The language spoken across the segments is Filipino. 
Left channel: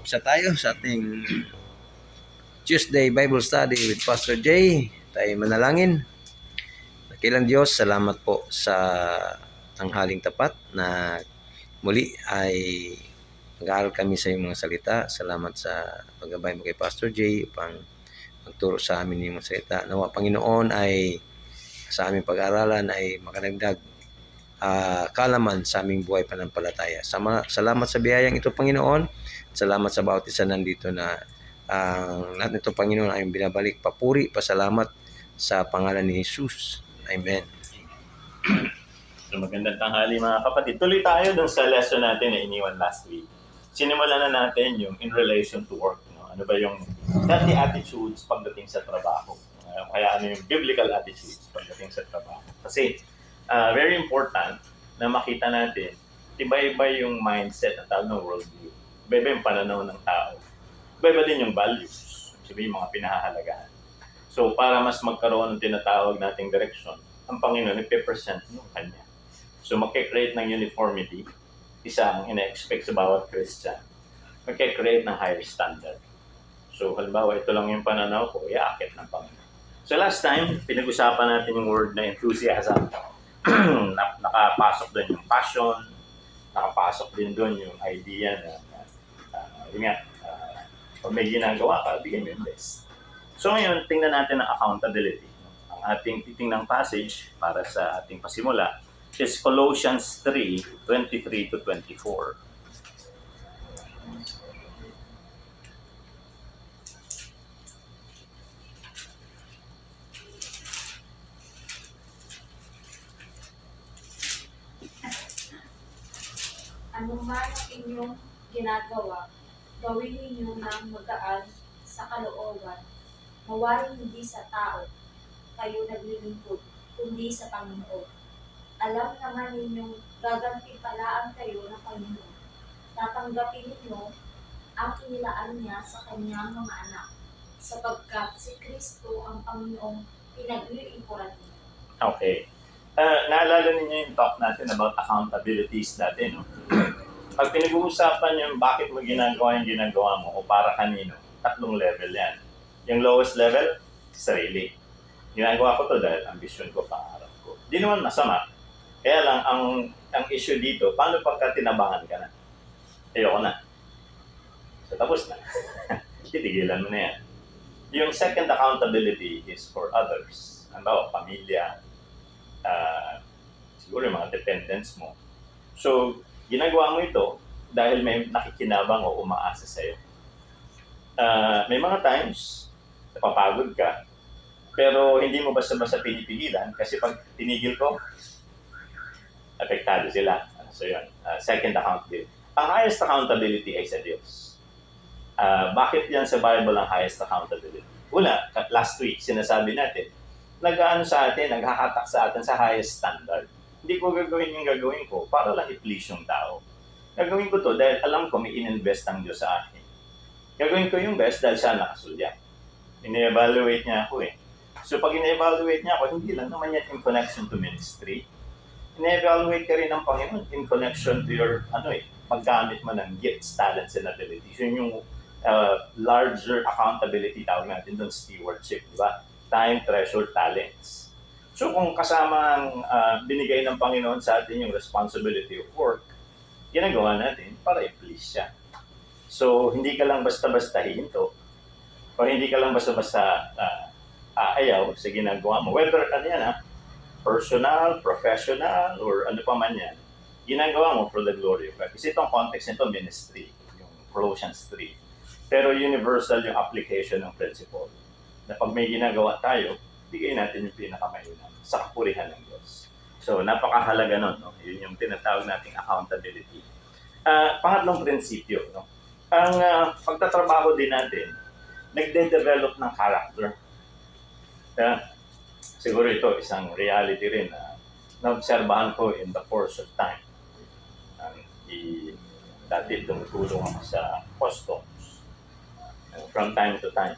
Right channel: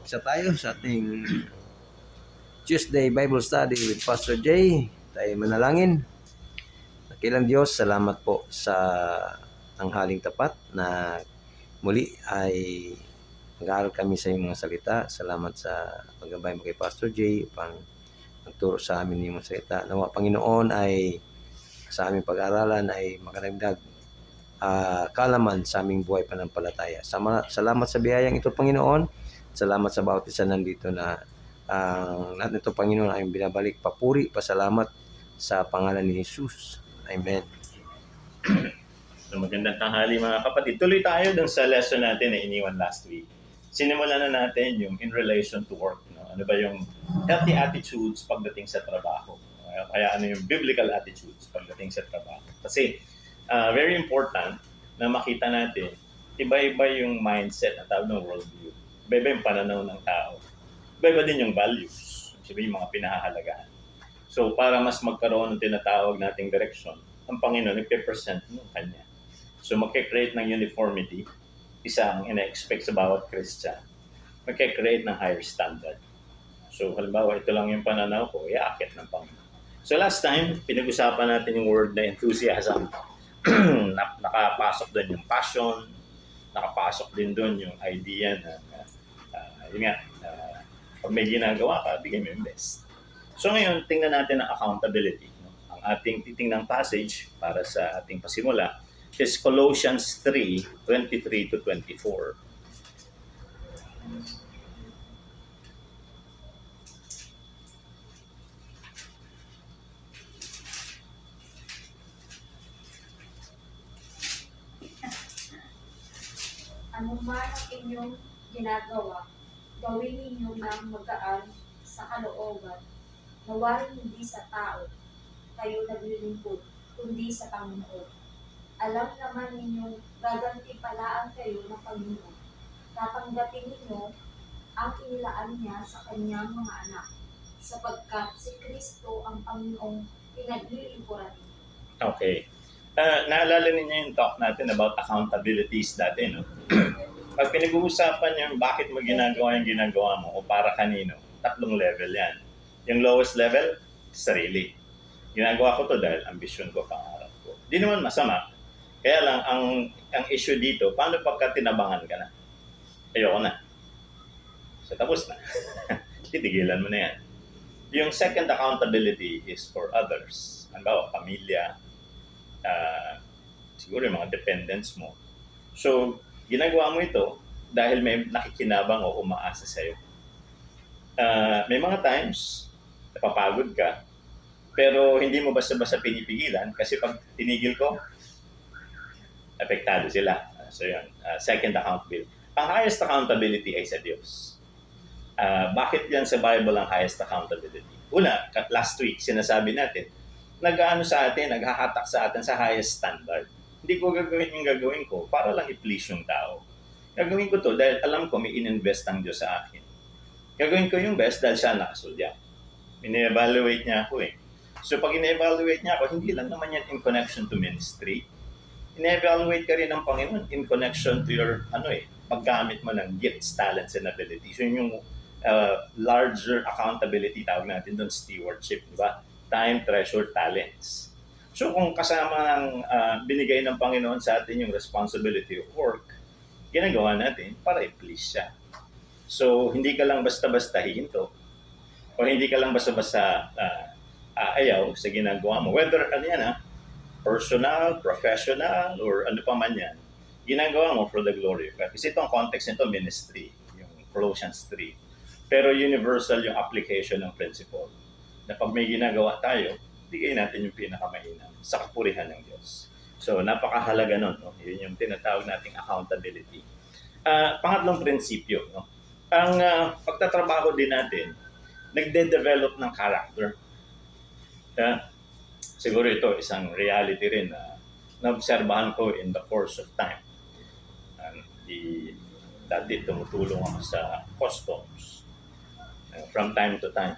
Isa tayo sa ating Tuesday Bible Study with Pastor Jay. Tayo manalangin. Dakilang Diyos, salamat po sa tanghaling tapat na muli ay nag-aaral kami sa iyong mga salita. Salamat sa paggabay mo kay Pastor Jay upang magturo sa amin ng mga salita. Nawa Panginoon ay sa aming pag-aaralan ay makadagdag kalaman sa aming buhay pananampalataya. Salamat sa biyayang ito, Panginoon. Salamat sa bawat isa nandito na lahat nito, Panginoon, ay binabalik. Papuri, pasalamat sa pangalan ni Jesus. Amen. So, magandang tanghali mga kapatid. Tuloy tayo dun sa lesson natin na iniwan last week. Sinimulan na natin yung in relation to work. No? Ano ba yung healthy attitudes pagdating sa trabaho? Kaya ano yung biblical attitudes pagdating sa trabaho? Kasi very important na makita natin iba-iba yung mindset at tawag ng worldview. Iba-iba yung pananaw ng tao. Iba-iba din yung values. Sabi yung mga pinahahalagahan. So, para mas magkaroon ng tinatawag nating direksyon, ang Panginoon nagpe-present ng Kanya. So, magkikreate ng uniformity, isa ang ina-expect sa bawat Christian. Magkikreate ng higher standard. So, halimbawa, ito lang yung pananaw ko, iaakit ng Panginoon. So, last time, pinag-usapan natin yung word na enthusiasm. Nakapasok doon yung passion, nakapasok din doon yung idea na yun nga, pag may ginagawa ka, bigyan mo yung best. So ngayon, tingnan natin ang accountability. Ang ating titingnang passage para sa ating pasimula is Colossians 3:23 to 24. Anuman ang inyong ginagawa, gawin ninyo ng magaan sa kalooban, mawaring hindi sa tao kayo naglilingkod, kundi sa Panginoon. Alam naman ninyong gagantimpalaan kayo ng Panginoon. Tatanggapin ninyo ang inilaan niya sa kanyang mga anak, sapagkat si Kristo ang Panginoong pinaglilingkuran niyo. Okay. Naalala ninyo yung talk natin about accountabilities dati, no? Pag pinag-uusapan yung bakit mo ginagawa yung ginagawa mo o para kanino, tatlong level yan. Yung lowest level, sarili. Ginagawa ko to dahil ambisyon ko, pangarap ko. Di naman masama. Kaya lang, ang issue dito, paano pagka tinabangan ka na? Ayoko na. So, tapos na. Titigilan mo na yan. Yung second accountability is for others. Halimbawa, pamilya, siguro yung mga dependents mo. So, ginagawa mo ito dahil may nakikinabang o umaasa sa'yo. May mga times, napapagod ka, pero hindi mo basta-basta pinipigilan kasi pag tinigil ko, apektado sila. So yun, second accountability. Ang highest accountability ay sa Diyos. Bakit yan sa Bible ang highest accountability? Una, last week, sinasabi natin, nag-ano sa atin, naghahatak sa atin sa highest standard. Hindi ko gagawin yung gagawin ko para lang i-please yung tao. Gagawin ko to dahil alam ko may in-invest ang Diyos sa akin. Gagawin ko yung best dahil siya nakasulya. Ine-evaluate niya ako eh. So pag ine-evaluate niya ako, hindi lang naman yan in connection to ministry. Ine-evaluate ka rin ng Panginoon in connection to your, paggamit mo ng gifts, talents, and abilities. Yun yung larger accountability tawag natin doon, stewardship, di ba? Time, treasure, talents. So kung kasama ang binigay ng Panginoon sa atin yung responsibility of work, ginagawa natin para i-please siya. So hindi ka lang basta-basta hinto o hindi ka lang basta-basta aayaw sa ginagawa mo. Whether personal, professional, or ano pa man yan, ginagawa mo for the glory of God. Kasi itong context nito, ministry, yung Colossians 3. Pero universal yung application ng principle. Na pag may ginagawa tayo, bigay natin yung pinakamainam sa kapurihan ng Diyos. So, napakahalaga nun. No? Yun yung tinatawag nating accountability. Pangatlong prinsipyo. No? Ang pagtatrabaho din natin, nagde-develop ng character. Siguro ito, isang reality rin na naobserbahan ko in the course of time. Dati tumutulong ako sa customs. From time to time.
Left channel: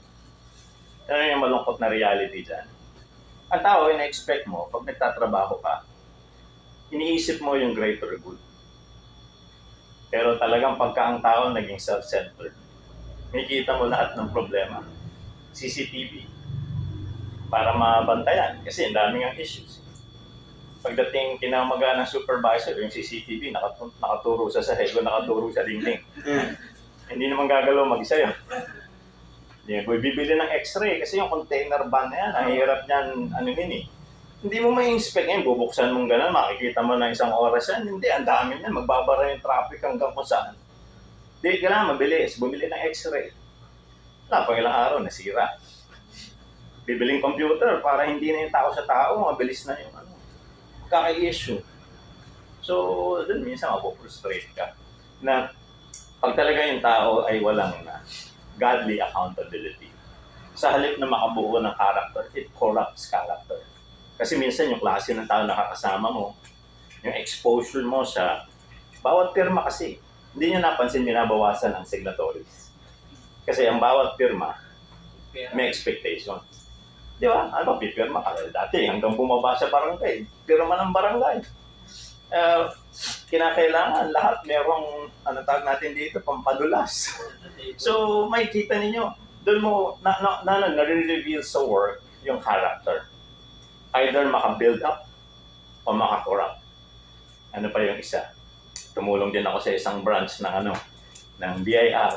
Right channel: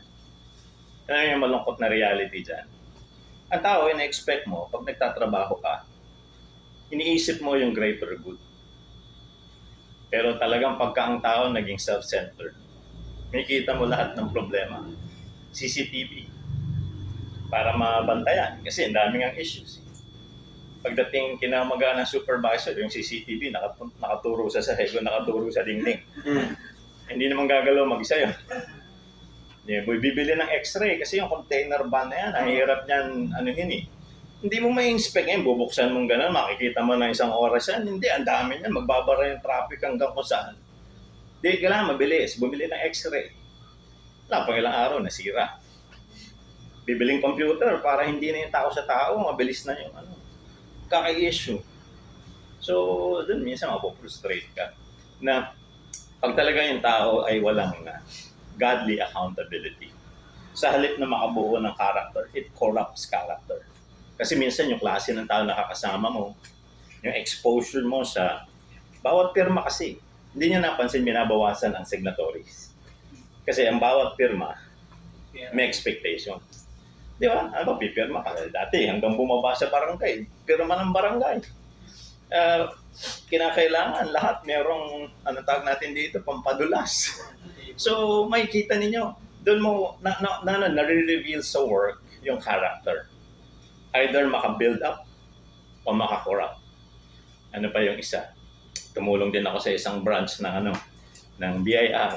Ano yung malungkot na reality dyan? Ang tao, ina-expect mo, pag nagtatrabaho ka, iniisip mo yung greater good. Pero talagang pagka ang tao naging self-centered, Makikita mo lahat ng problema. CCTV. Para mabantayan. Kasi ang daming ang issues. Pagdating kinamaga ng supervisor, yung CCTV, nakaturo sa sahig o nakaturo sa dingding. Hindi naman gagalaw mag-isa yun. Yeah, boy, bibili ng x-ray kasi yung container van na yan, ang hirap niyan, Hindi mo may inspect yan, bubuksan mong gano'n, makikita mo na isang oras yan. Hindi, ang dami yan, magbabara yung traffic hanggang kung saan. Hindi, kailangan mabilis, bumili ng x-ray. Wala, pag ilang araw, nasira. Bibiling computer para hindi na yung tao sa tao, mabilis na yung kaka-issue. So, dun minsan mapoprostrate ka na pag talaga yung tao ay walang godly accountability. Sa halip na makabuo ng character, it corrupts character. Kasi minsan yung klase ng tao nakakasama mo, yung exposure mo sa bawat pirma kasi, hindi niya napansin binabawasan ang signatories. Kasi ang bawat pirma, may expectation. Di ba? Ano ba, pipirma ka? Dati hanggang bumaba sa barangay, pirma ng barangay. Kinakailangan lahat merong, tawag natin dito, pampadulas. So, makikita ninyo, doon mo, na-reveal sa work yung character. Either maka-build up o maka-corrupt. Ano pa yung isa? Tumulong din ako sa isang branch ng BIR.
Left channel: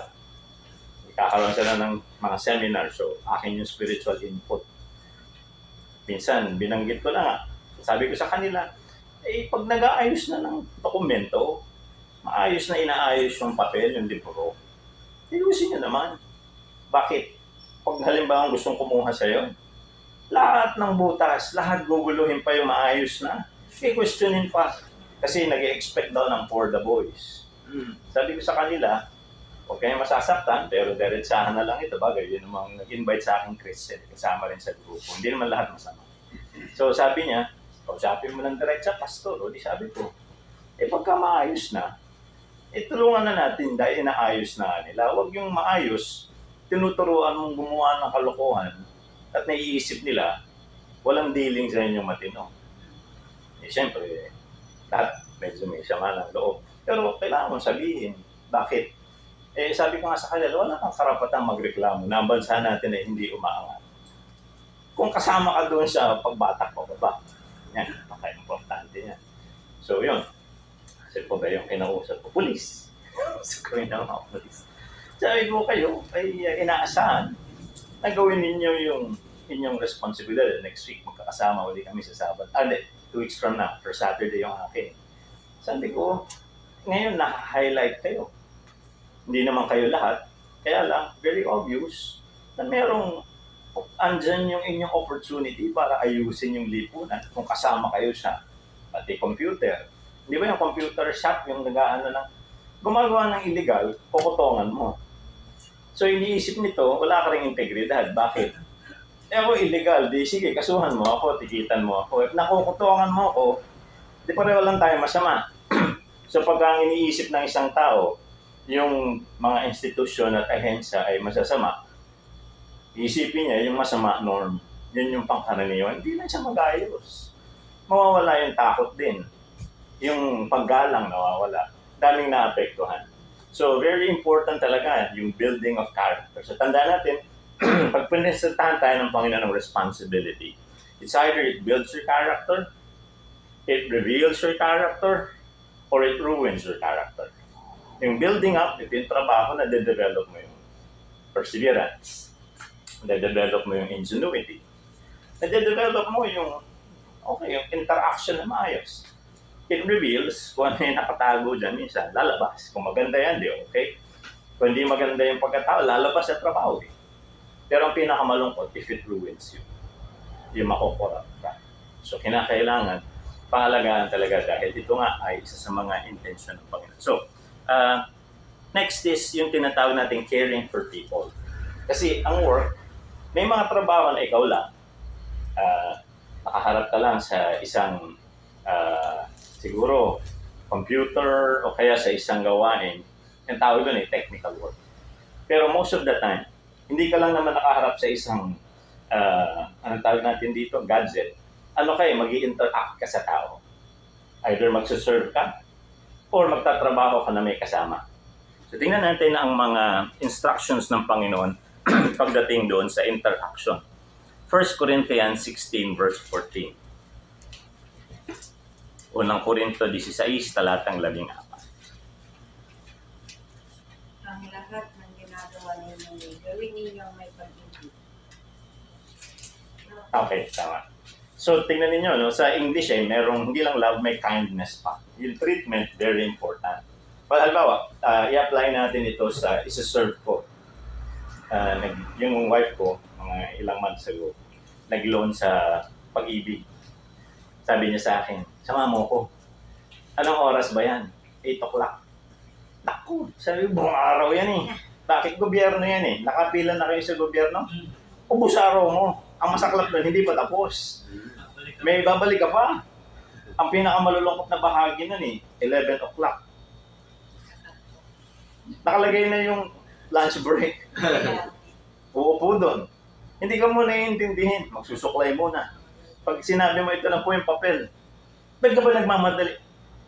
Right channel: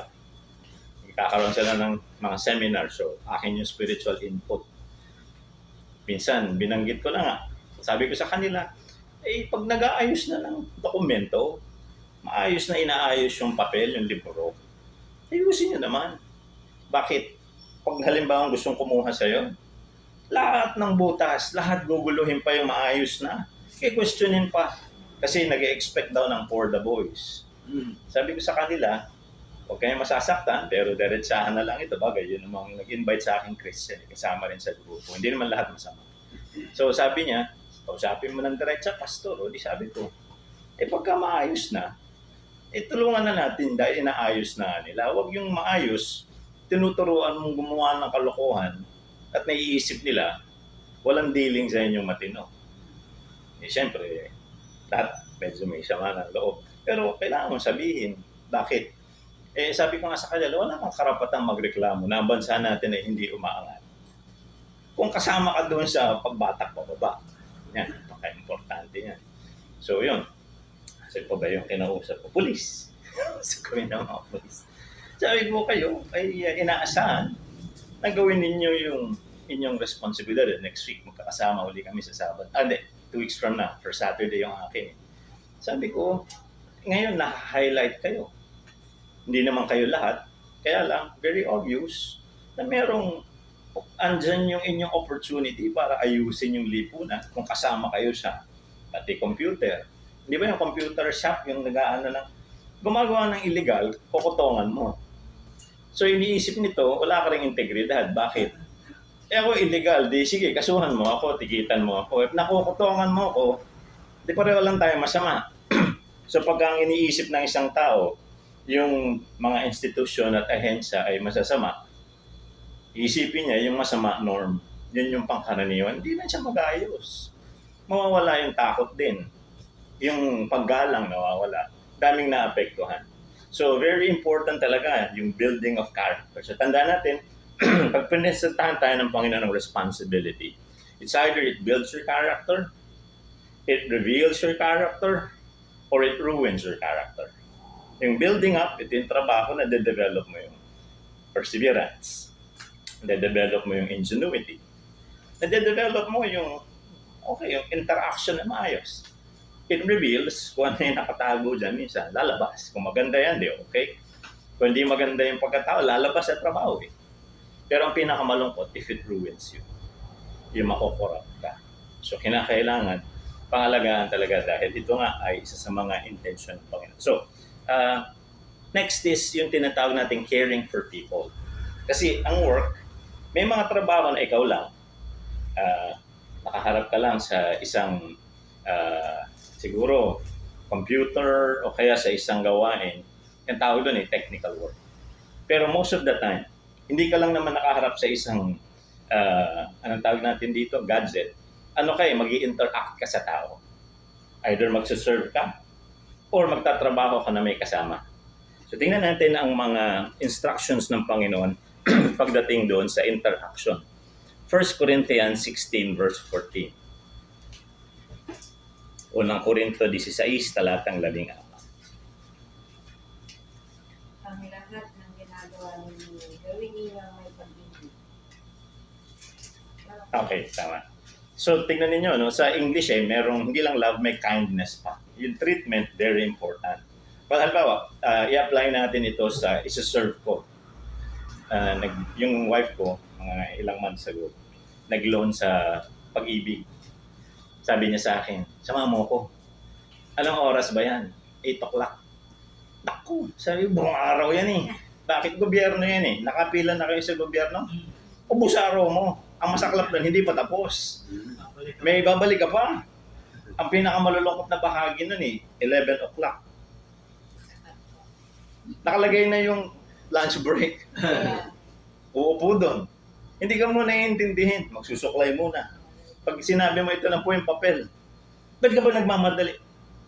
Kakaroon sila ng mga seminar, so akin yung spiritual input. Minsan, binanggit ko na nga, sabi ko sa kanila, pag nag-aayos na ng dokumento, maayos na inaayos yung papel, yung libro, ayusin nyo naman. Bakit? Pag halimbawa gustong kumuha sa'yo, lahat ng butas, lahat guguluhin pa yung maayos na. Questionin pa. Kasi nag-expect daw ng for the boys. Sabi ko sa kanila, huwag kayong masasaktan, pero diretsahan na lang ito. Bagay, yun namang nag-invite sa aking Christian, kasama rin sa grupo. Hindi naman lahat masama. So sabi niya, kausapin mo ng diretsa, pastor. O di sabi ko, pagka maayos na, tulungan na natin dahil inaayos na nila. Huwag yung maayos, tinuturuan mong gumawa ng kalokohan at naiisip nila, walang dealing sa inyong matino. Siyempre, lahat medyo may sama ng loob. Pero kailangan mo sabihin, bakit? Sabi ko nga sa kanila, wala kang karapatang magreklamo na ang bansa natin ay hindi umaangat. Kung kasama ka doon sa pagbatak pababa, yan, napaka-importante yan. So yun, kasi po ba yung kinausap ko? Pulis. So kami ng mga pulis. Sabi ko kayo ay inaasahan na gawin ninyo yung inyong responsibility. Next week, magkakasama uli kami sa Sabat. 2 weeks from now, for Saturday yung akin. Sabi ko, ngayon na-highlight kayo. Hindi naman kayo lahat, kaya lang, very obvious na merong andyan yung inyong opportunity para ayusin yung lipunan kung kasama kayo sa pati computer. Di ba yung computer shop, yung nag-aano lang, gumagawa ng illegal, kukutongan mo. So, iniisip nito, wala ka rin integridad. Bakit? Ako illegal, di sige, kasuhan mo ako, tikitan mo ako. Nakukutongan mo ako, di pareho lang tayo masama. So, pagka ang iniisip ng isang tao, yung mga institusyon at ahensya ay masasama, isipin niya yung masama norm. Yun yung pangkaraniwan. Hindi na siya mag-ayos. Mawawala yung takot din. Yung paggalang nawawala. Daming naapektuhan. So, very important talaga yung building of character. So, tandaan natin, pag pinisitahan tayo ng Panginoon ng responsibility, it's either it builds your character, it reveals your character, or it ruins your character. Yung building up, ito yung trabaho na de-develop mo yung perseverance. Na-develop mo yung ingenuity. Na-develop mo yung, yung interaction na maayos. It reveals kung ano yung nakatago dyan minsan, lalabas. Kung maganda yan, di okay. Kung hindi maganda yung pagkatao, lalabas sa trabaho eh. Pero ang pinakamalungkot, if it ruins you, yung makukorrupt ka. So, kinakailangan, pangalagaan talaga dahil ito nga ay isa sa mga intention ng Panginoon. So, next is yung tinatawag natin caring for people. Kasi ang work, may mga trabaho na ikaw lang, nakaharap ka lang sa isang siguro computer o kaya sa isang gawain, yung tawag doon ay technical work. Pero most of the time, hindi ka lang naman nakaharap sa isang anong tawag natin dito, gadget. Mag-i-interact ka sa tao. Either magsuserve ka or magtatrabaho ka na may kasama. So tingnan natin ang mga instructions ng Panginoon pagdating doon sa interaction. 1 Corinthians 16 verse 14. Unang Korinto 16, talatang 14. Ang lahat ng ginagawa ninyo, gawin ninyong may pag-ibig. Okay, tama. So, tingnan ninyo, no? Sa English, merong hindi lang love, may kindness pa. Yung treatment, very important. Halimbawa, i-apply natin ito sa isa-serve ko. Yung wife ko, mga ilang months ago, nag-loan sa Pag-ibig. Sabi niya sa akin, sama mo ko. Anong oras ba yan? 8 o'clock. Naku, sabi ko, buong araw yan eh. Bakit gobyerno yan eh? Nakapila na kayo sa gobyerno? Ubus araw mo. Ang masaklap nun, hindi pa tapos. May babalik ka pa. Ang pinakamalulungkot na bahagi nun 11 o'clock. Nakalagay na yung lunch break. Uupo doon. Hindi ka muna iintindihin. Magsusuklay muna. Pag sinabi mo ito na po yung papel, ba't ka ba nagmamadali?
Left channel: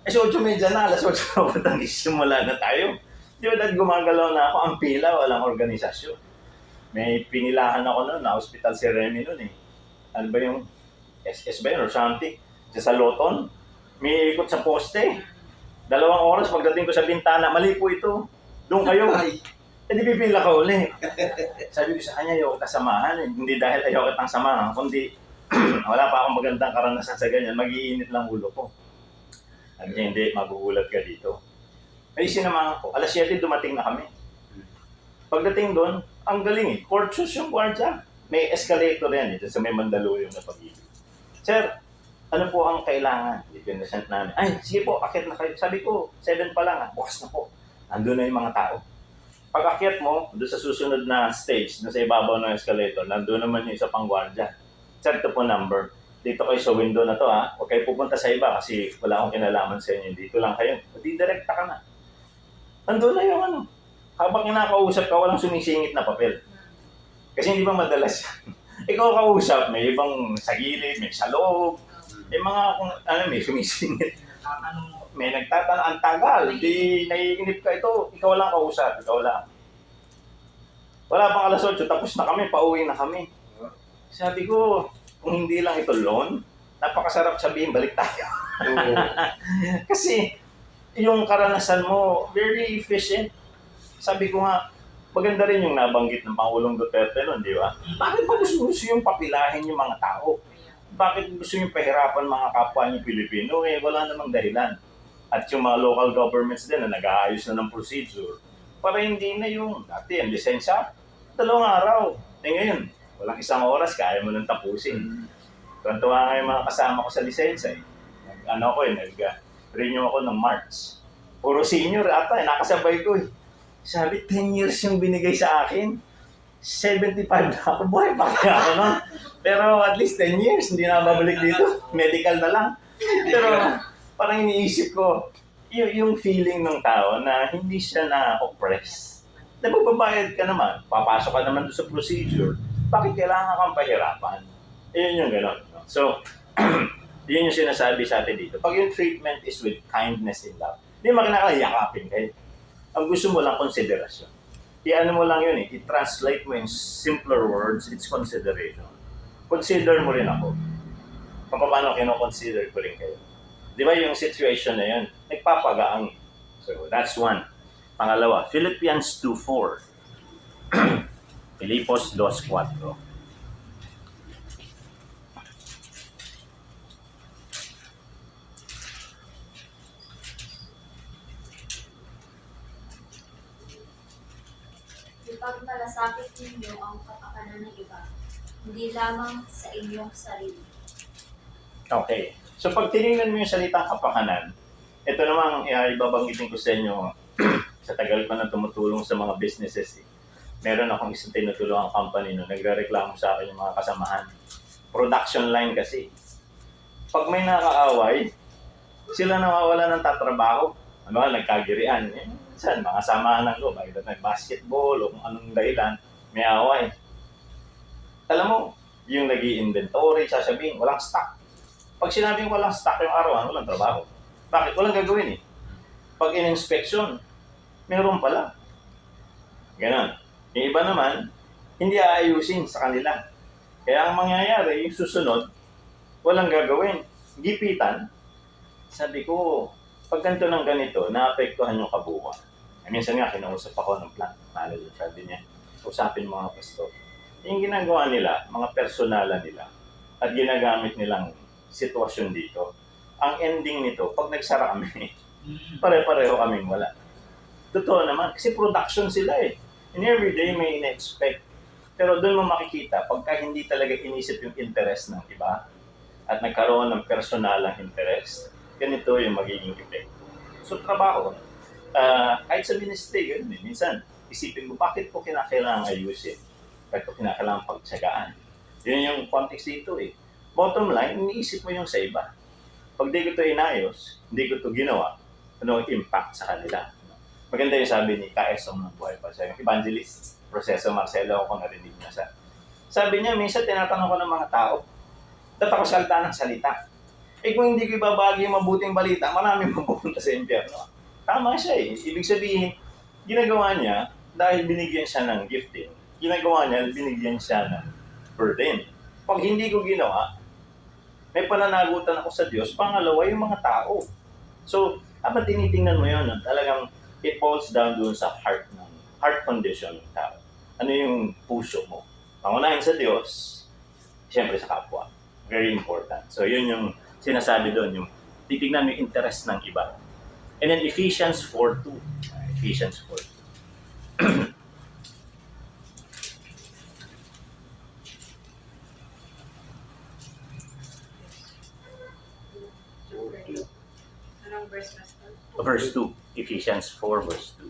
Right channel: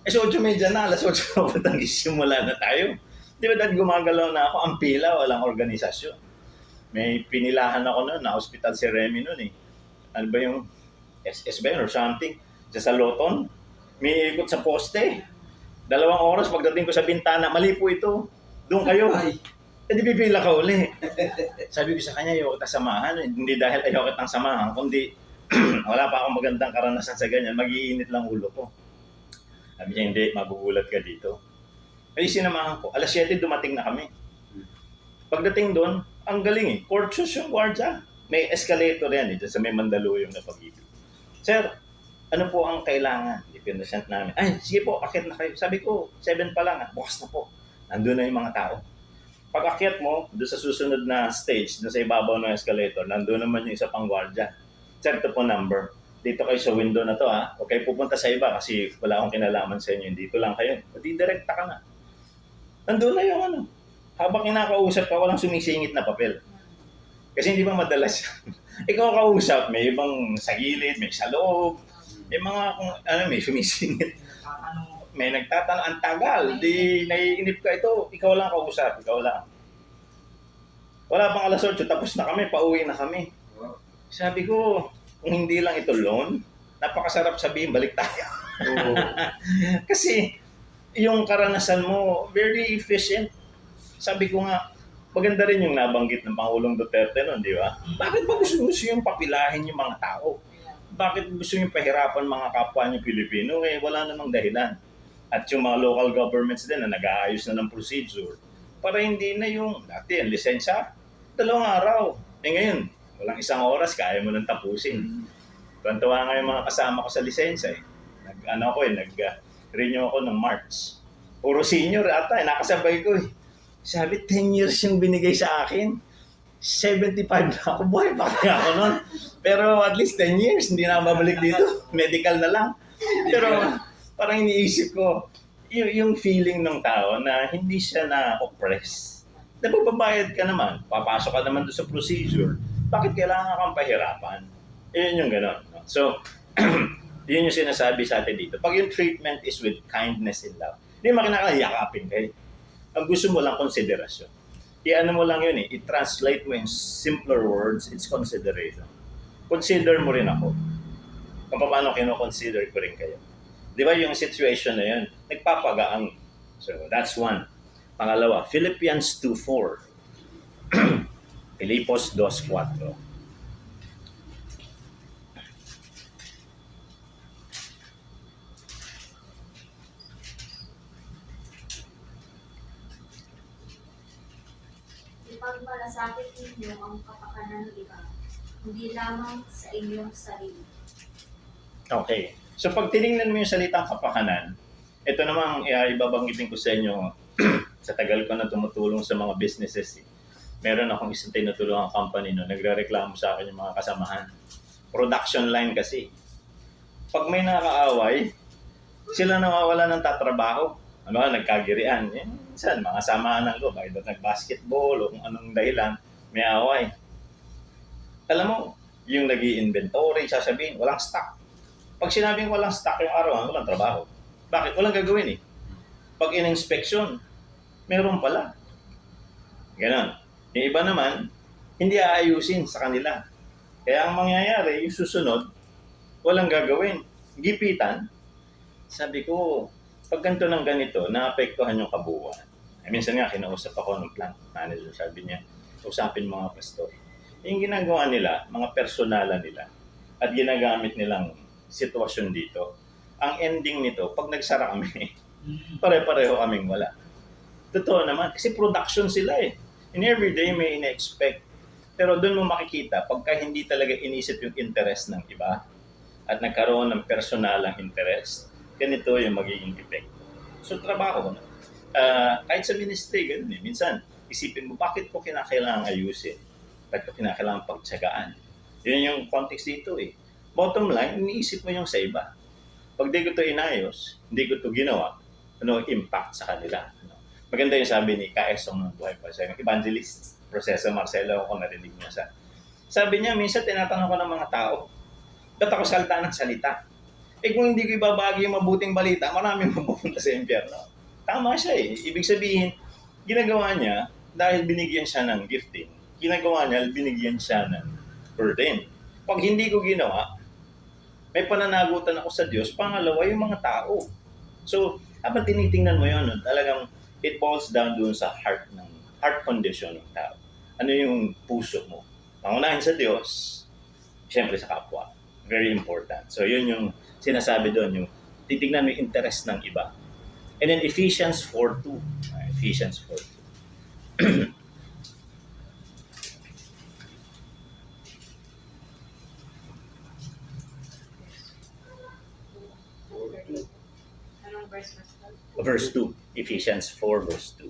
8:30 na, alas 8 na punang isimula na tayo. Di ba dahil gumagalaw na ako, ang pila, walang organisasyon. May pinilahan ako noon, na hospital si Remy noon eh. Ano ba yung SS ba yun or something? Sa Loton, may ikot sa poste. 2 oras pagdating ko sa bintana, mali po ito. Doon kayo. Eh di pipila ka uli. Sabi ko sa kanya, ayoko kasamahan. Hindi dahil ayoko kitang samahan, kundi wala pa akong magandang karanasan sa ganyan, mag-iinit lang ulo ko. Sabi niya, hindi, magugulat ka dito. Ay sinamahan ko, alas 7 dumating na kami. Pagdating doon, ang galing eh. Courteous yung guardia. May escalator yan sa may Mandaluyong na Pag-ibig. Sir, ano po ang kailangan? Ipinasent namin. Ay, sige po, akit na kayo. Sabi ko, 7 pa lang bukas na po. Nandun na yung mga tao. Pag akyat mo, doon sa susunod na stage, doon sa ibabaw ng escalator, nandun naman yung isa pang guardia. Sir, ito po number. Dito kayo sa window na to ha. Huwag kayo pupunta sa iba kasi wala akong kinalaman sa inyo. Dito lang kayo. Direkta ka na. Nandun na yung ano. Habang kinakausap ka, walang sumisingit na papel. Kasi hindi ba madalas yan? Ikaw kausap, may ibang sa gilid, may sa loob. May mga, may sumisingit. May nagtatanong, ang tagal. Di naiinip ka ito, ikaw lang kausap, ikaw lang. Wala pang alas 8, tapos na kami, pauwi na kami. Sabi ko, kung hindi lang ito loan, napakasarap sabihin, balik tayo. Kasi, yung karanasan mo, very efficient. Sabi ko nga, maganda rin yung nabanggit ng Pangulong Duterte noon, di ba? Bakit ba gusto yung papilahin yung mga tao? Bakit gusto nyo pahirapan mga kapwa nyo Pilipino? Wala namang dahilan. At yung mga local governments din na nag-aayos na ng procedure para hindi na yung dati ang lisensya, 2 araw. Ngayon, walang 1 oras, kaya mo nang tapusin. Tuwa nga yung mga kasama ko sa lisensya nag-renew ako ng March. Puro senior ata, nakasabay ko Sabi, 10 years yung binigay sa akin. 75 na ako, buhay pa kaya ako nun. Pero at least 10 years, hindi na babalik dito. Medical na lang. Pero parang iniisip ko, yung feeling ng tao na hindi siya na-oppress. Babayad ka naman, papasok ka naman doon sa procedure, bakit kailangan kang pahirapan? Yun yung gano'n. No? So, yun yung sinasabi sa atin dito. Pag yung treatment is with kindness and love, hindi mo kinakailangan yakapin kayo. Ang gusto mo lang, konsiderasyon. I-ano mo lang yun i-translate mo in simpler words, it's consideration. Consider mo rin ako. Kung paano kino-consider ko rin kayo. Di ba yung situation na yun, nagpapagaang. So, that's one. Pangalawa, Philippians 2:4. Filipos 2:4. Ipagmalasakit ninyo ang kapakanan ng iba, hindi lamang sa inyong sarili. Okay. So pag tinignan mo yung salitang kapakanan, ito namang ibabanggitin ko sa inyo sa tagal ko na tumutulong sa mga businesses. Meron akong isang tinutulungang company nagrereklamo sa akin yung mga kasamahan. Production line kasi. Pag may nakaaway, sila nawawala ng tatrabaho. Nagkagirian. Minsan, mga samahan ng loob, either nag-basketball o kung anong dahilan, may away. Alam mo, yung nag-i-inventory, sasabihin, walang stock. Pag sinabing walang stock yung arawan, walang trabaho. Bakit? Walang gagawin Pag in-inspection, Meron pala. Ganon. Yung iba naman, hindi aayusin sa kanila. Kaya ang mangyayari, yung susunod, walang gagawin. Gipitan. Sabi ko, pag ganito ng ganito, naapektuhan yung kabuuan. Minsan nga, kinausap ako ng plant manager. Sabi niya, usapin mga pastor. Yung ginagawa nila, mga personalan nila, at ginagamit nilang sitwasyon dito, ang ending nito, pag nagsara kami, pare-pareho kaming wala. Totoo naman, kasi production sila eh. And every day may ina-expect. Pero doon mo makikita, pagka hindi talaga inisip yung interest ng iba, at nagkaroon ng personalang interest, ganito yung magiging epekto. So trabaho, kahit sa ministry, ganun eh. Minsan, isipin mo, bakit ko kinakailangan ayusin? Bakit ko kinakailangan pagtsagaan? Yun yung context dito eh. Bottom line, iniisip mo yung sa iba. Pag di ko ito inayos, hindi ko ito ginawa, ano impact sa kanila? Maganda yung sabi ni Kaesong ng buhay pa siya, yung evangelist, Proseso Marcelo, kung narinig niya sa. Sabi niya, minsan tinatanong ko ng mga tao, ba't ako salita ng salita? Eh kung hindi ko ibabagi yung mabuting balita, maraming mapupunta sa impyerno. Tama siya eh. Ibig sabihin, ginagawa niya dahil binigyan siya ng gifting. Ginagawa niya, binigyan siya ng burden. Pag hindi ko ginawa, may pananagutan ako sa Diyos. Pangalawa, yung mga tao. So, habang tinitingnan mo yun, talagang it boils down doon sa heart condition ng tao. Ano yung puso mo? Pangunahin sa Diyos, siyempre sa kapwa. Very important. So, yun yung sinasabi doon, yung titignan mo yung interest ng iba. And then Ephesians 4:2. Ephesians 4:2. Anong verse mas to? Verse 2. Ephesians 4 verse 2.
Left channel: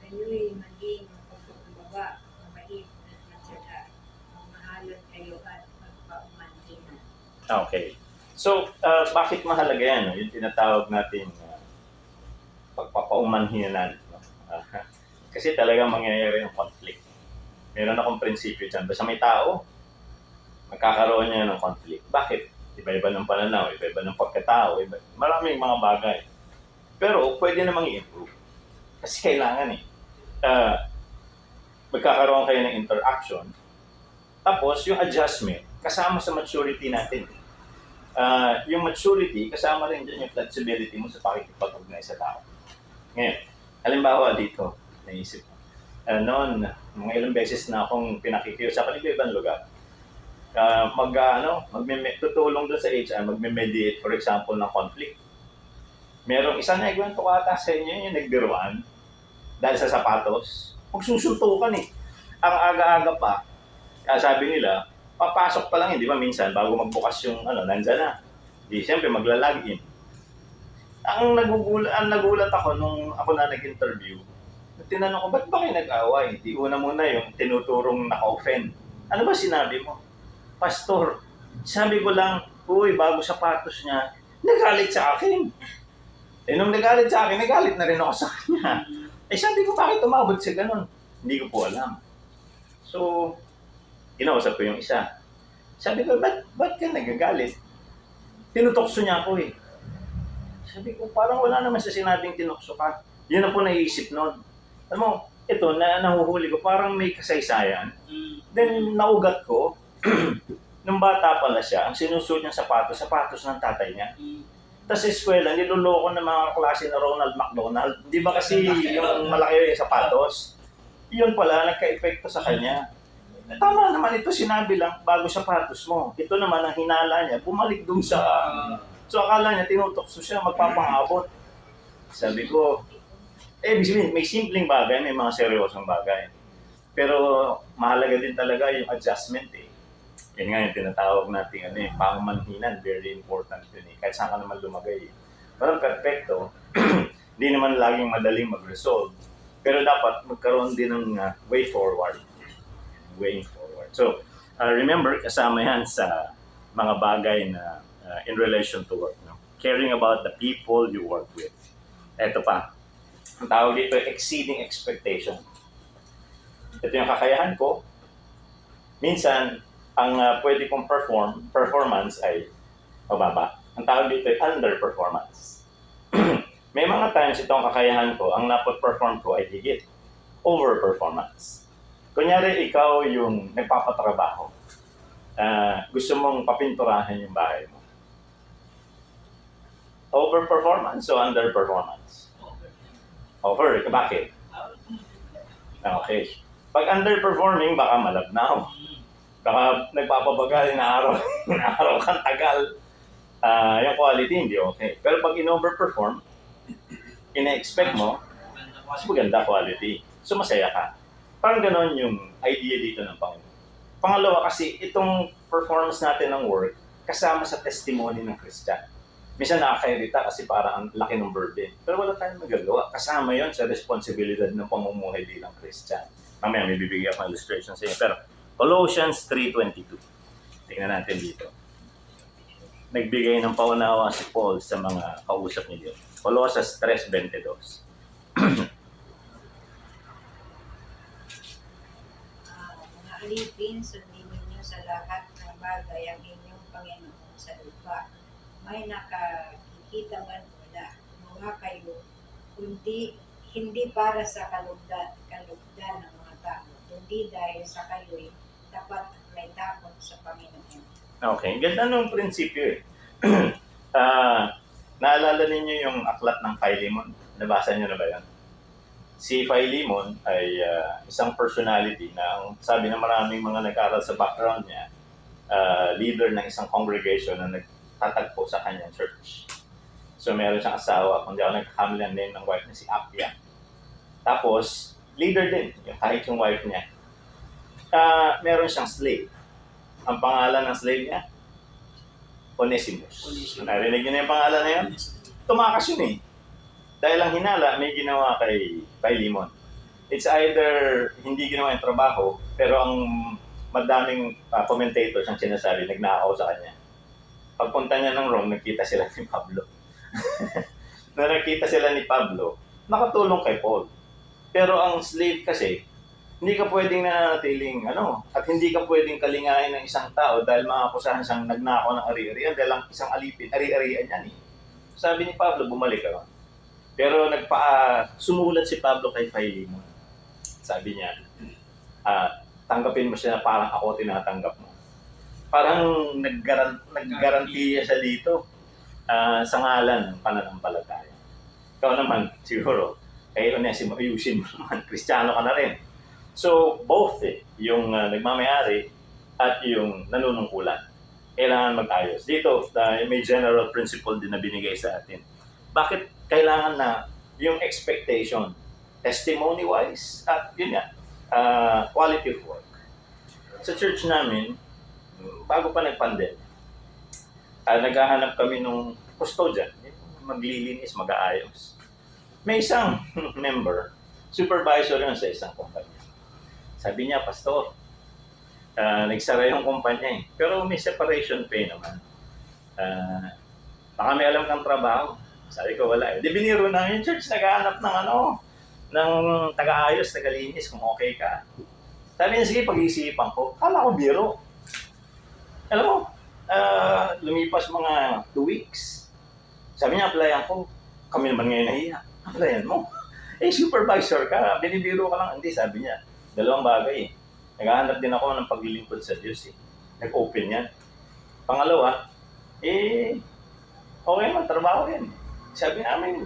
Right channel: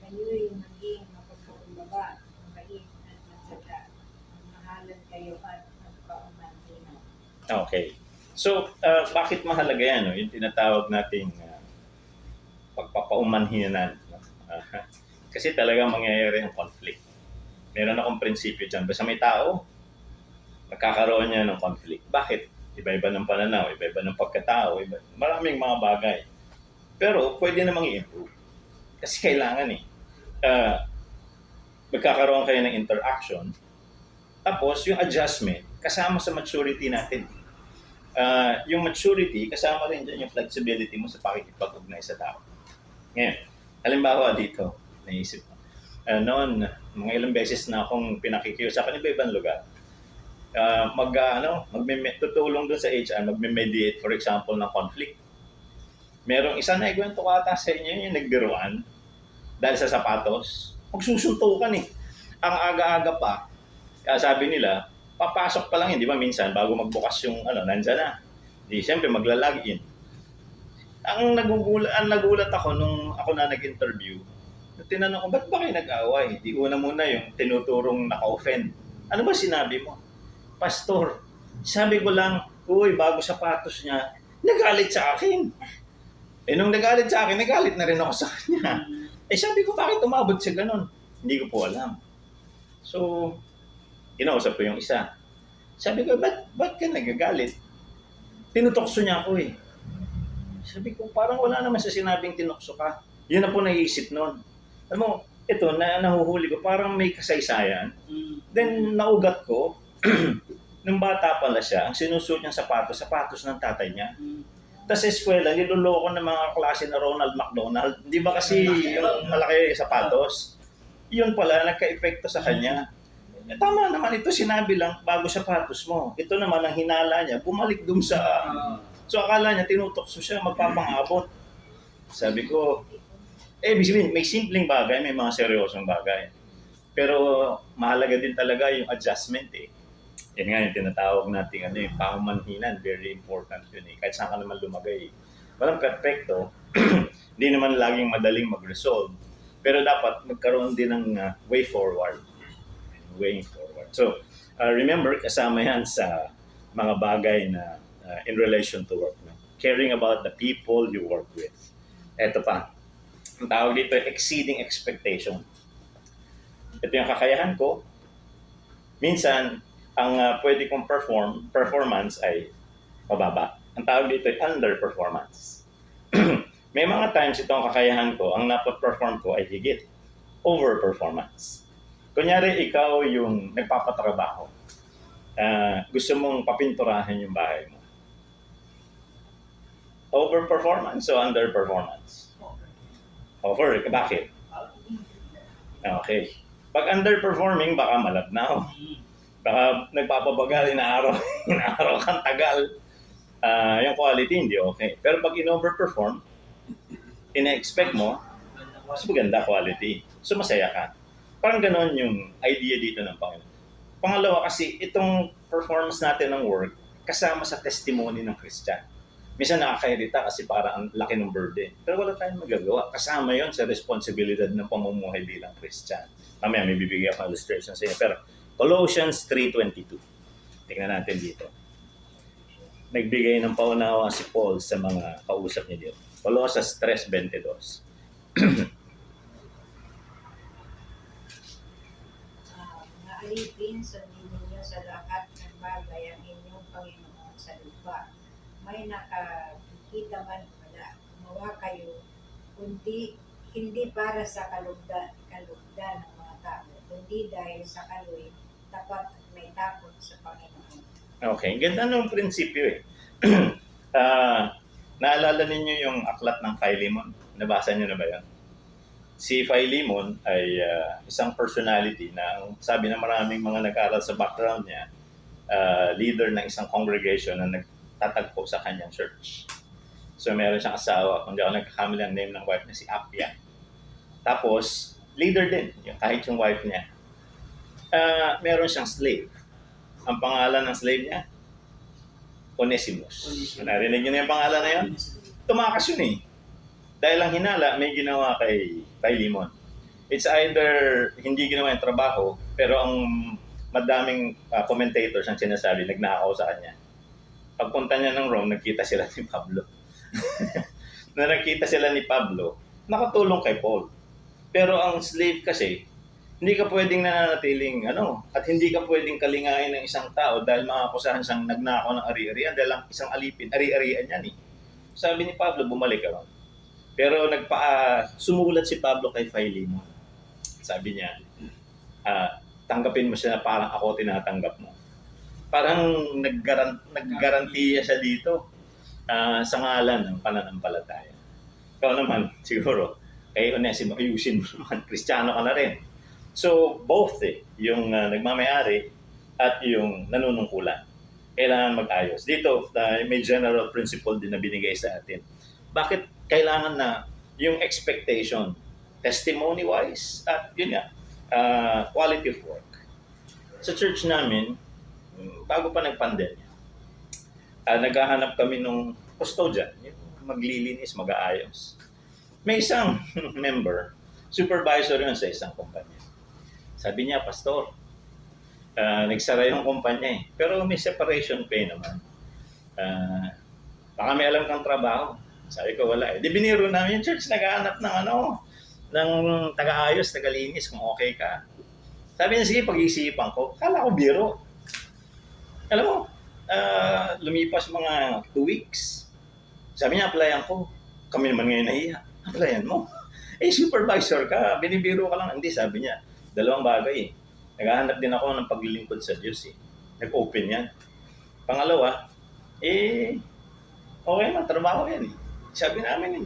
Kayo'y maging mapagpakumbaba, mabait at matyaga. Magmahalan kayo at magpaumanhinan. Okay. So, bakit mahalaga yan? No? Yung tinatawag natin pagpapaumanhinan. No? Kasi talagang mangyayari yung conflict. Meron akong prinsipyo dyan. Basta may tao, magkakaroon niya ng conflict. Bakit? Iba-iba ng pananaw, iba-iba ng pagkatao, maraming mga bagay. Pero pwede namang i-improve. Kasi kailangan eh. Magkakaroon kayo ng interaction. Tapos yung adjustment, kasama sa maturity natin. Yung maturity, kasama rin dyan yung flexibility mo sa pakikipag-ugnay sa tao. Ngayon, halimbawa dito, naisip ko. Noon, mga ilang beses na akong pinakikiusapan iba-ibang lugar. Tutulong doon sa HR, magme-mediate, for example, ng conflict. Merong isa na ikwento ko ata sa inyo yung nagbiruan dahil sa sapatos. Magsusuntukan eh. Ang aga-aga pa, sabi nila, papasok pa lang yun, di ba minsan, bago magbukas yung nandyan na. Di, siyempre, magla-login. Ang nagulat ako nung ako na nag-interview, tinanong ko, ba't ba kayo nag-away? Di una muna yung tinuturong naka-offend. Ano ba sinabi mo? Pastor, sabi ko lang, uy, bago sapatos niya, nagalit sa akin. Eh, nung nagalit sa akin, nagalit na rin ako sa kanya. Eh, sabi ko, bakit umabot siya ganun? Hindi ko po alam. So, kinausap ko yung isa. Sabi ko, ba't ka nagagalit? Tinutokso niya ako eh. Sabi ko, parang wala naman sa sinabing tinokso ka. Yun na po naisip nun. Alam mo, ito, nahuhuli ko, parang may kasaysayan. Then, naugat ko, nung bata pala siya, ang sinusuot niyang sapatos ng tatay niya. Tapos sa eskwela, niluloko ng mga klase na Ronald McDonald. Di ba kasi yung malaki yung sapatos? Yun pala, nagka-epekto sa kanya. Tama naman ito, sinabi lang, bago sapatos mo. Ito naman, ang hinala niya, bumalik dun sa... So akala niya, tinutokso siya, magpapangabot. Sabi ko, may simpleng bagay, may mga seryosong bagay. Pero mahalaga din talaga yung adjustment eh. Yan nga yung tinatawag natin, paumanhinan, very important yun eh. Kahit saan ka naman lumagay. Walang perfecto, hindi naman laging madaling mag-resolve. Pero dapat magkaroon din ng way forward. So, remember, kasama yan sa mga bagay na in relation to work. No? Caring about the people you work with. Ito pa, ang tawag dito, exceeding expectation. Ito yung kakayahan ko. Minsan, ang pwede kong performance ay mababa. Ang tawag dito ay underperformance. May mga times itong kakayahan ko, ang napot-perform ko ay higit. Overperformance. Kunyari, ikaw yung nagpapatrabaho. Gusto mong papinturahin yung bahay mo. Overperformance o underperformance? Over. Bakit? Okay. Pag underperforming, baka malabnaw. Baka nagpapabaga, inaaraw kang tagal. Yung quality hindi okay. Pero pag in-overperform, ina-expect mo, mas maganda quality. So masaya ka. Parang ganon yung idea dito ng Panginoon. Pangalawa kasi, itong performance natin ng work, kasama sa testimony ng Christian. Minsan nakakairita kasi parang ang laki ng burden. Pero wala tayong magagawa. Kasama yon sa responsibilidad ng pamumuhay bilang Christian. Mamaya may bibigyan akong illustration sa inyo. Pero Colossians 3:22. Tingnan natin dito. Nagbigay ng paunawa si Paul sa mga kausap niya dito. Colossians 3:22. Mga alipin, sundin ninyo sa lahat ng bagay ang inyong Panginoon sa lupa. May nakikita man wala, mawa kayo, kundi hindi para sa kalugdan ng mga tao, kundi dahil sa kayo'y tapat at may takot sa Panginoon. Okay, ganda ng prinsipyo eh. Naalala ninyo yung aklat ng Philemon? Nabasa niyo na ba yan? Si Philemon ay isang personality na sabi na maraming mga nag-aral sa background niya, leader ng isang congregation na nagtatagpo sa kanyang church. So meron siyang asawa, kung di ako nagkakamali ang name ng wife niya, si Appia. Tapos, leader din, kahit yung wife niya. Meron siyang slave. Ang pangalan ng slave niya, Onesimus. Narinig niyo na yung pangalan na yun? Tumakas yun eh. Dahil ang hinala, may ginawa kay Philemon. It's either hindi ginawa yung trabaho, pero ang madaming commentators ang sinasabi, nagnakaw sa kanya. Pagpunta niya ng Rome, nagkita sila ni Pablo. Na nakita sila ni Pablo, nakatulong kay Paul. Pero ang slave kasi, hindi ka pwedeng nananatiling, at hindi ka pwedeng kalingain ng isang tao dahil makakusahan siyang nagnakaw ng ari-arian dahil ang isang alipin, ari-arian yan eh. Sabi ni Pablo, bumalik ka ron. Pero sumulat si Pablo kay Philemon. Sabi niya, tanggapin mo siya na parang ako tinatanggap mo. Parang naggarantiya siya dito sa ngalan ng pananampalataya. Ikaw naman, siguro, kay Onesimo, ayusin mo naman, Kristiyano ka na rin. So, both yung nagmamayari at yung nanunungkulan, kailangan mag-ayos. Dito, may general principle din na binigay sa atin. Bakit kailangan na yung expectation, testimony-wise, at yun nga, quality of work. Sa church namin, bago pa nag-pandemic, naghahanap kami ng custodian, maglilinis, mag-aayos. May isang member, supervisor yun sa isang kumpanya. Sabi niya, Pastor, nagsara yung kumpanya eh. Pero may separation pay naman. Baka may alam kang trabaho. Sabi ko, wala eh. Di biniro namin yung church, naghahanap ng ng taga-ayos, taga-linis, kung okay ka. Sabi niya, sige, pag-iisipan ko. Kala ko biro. Alam mo, lumipas mga 2 weeks. Sabi niya, applyan ko. Kami naman ngayon nahiya. Applyan mo. Supervisor ka, binibiro ka lang. Hindi, sabi niya. 2 bagay eh. Naghahanap din ako ng paglilingkod sa Diyos eh. Nag-open yan. Pangalawa, okay man, trabaho yan eh. Sabi namin,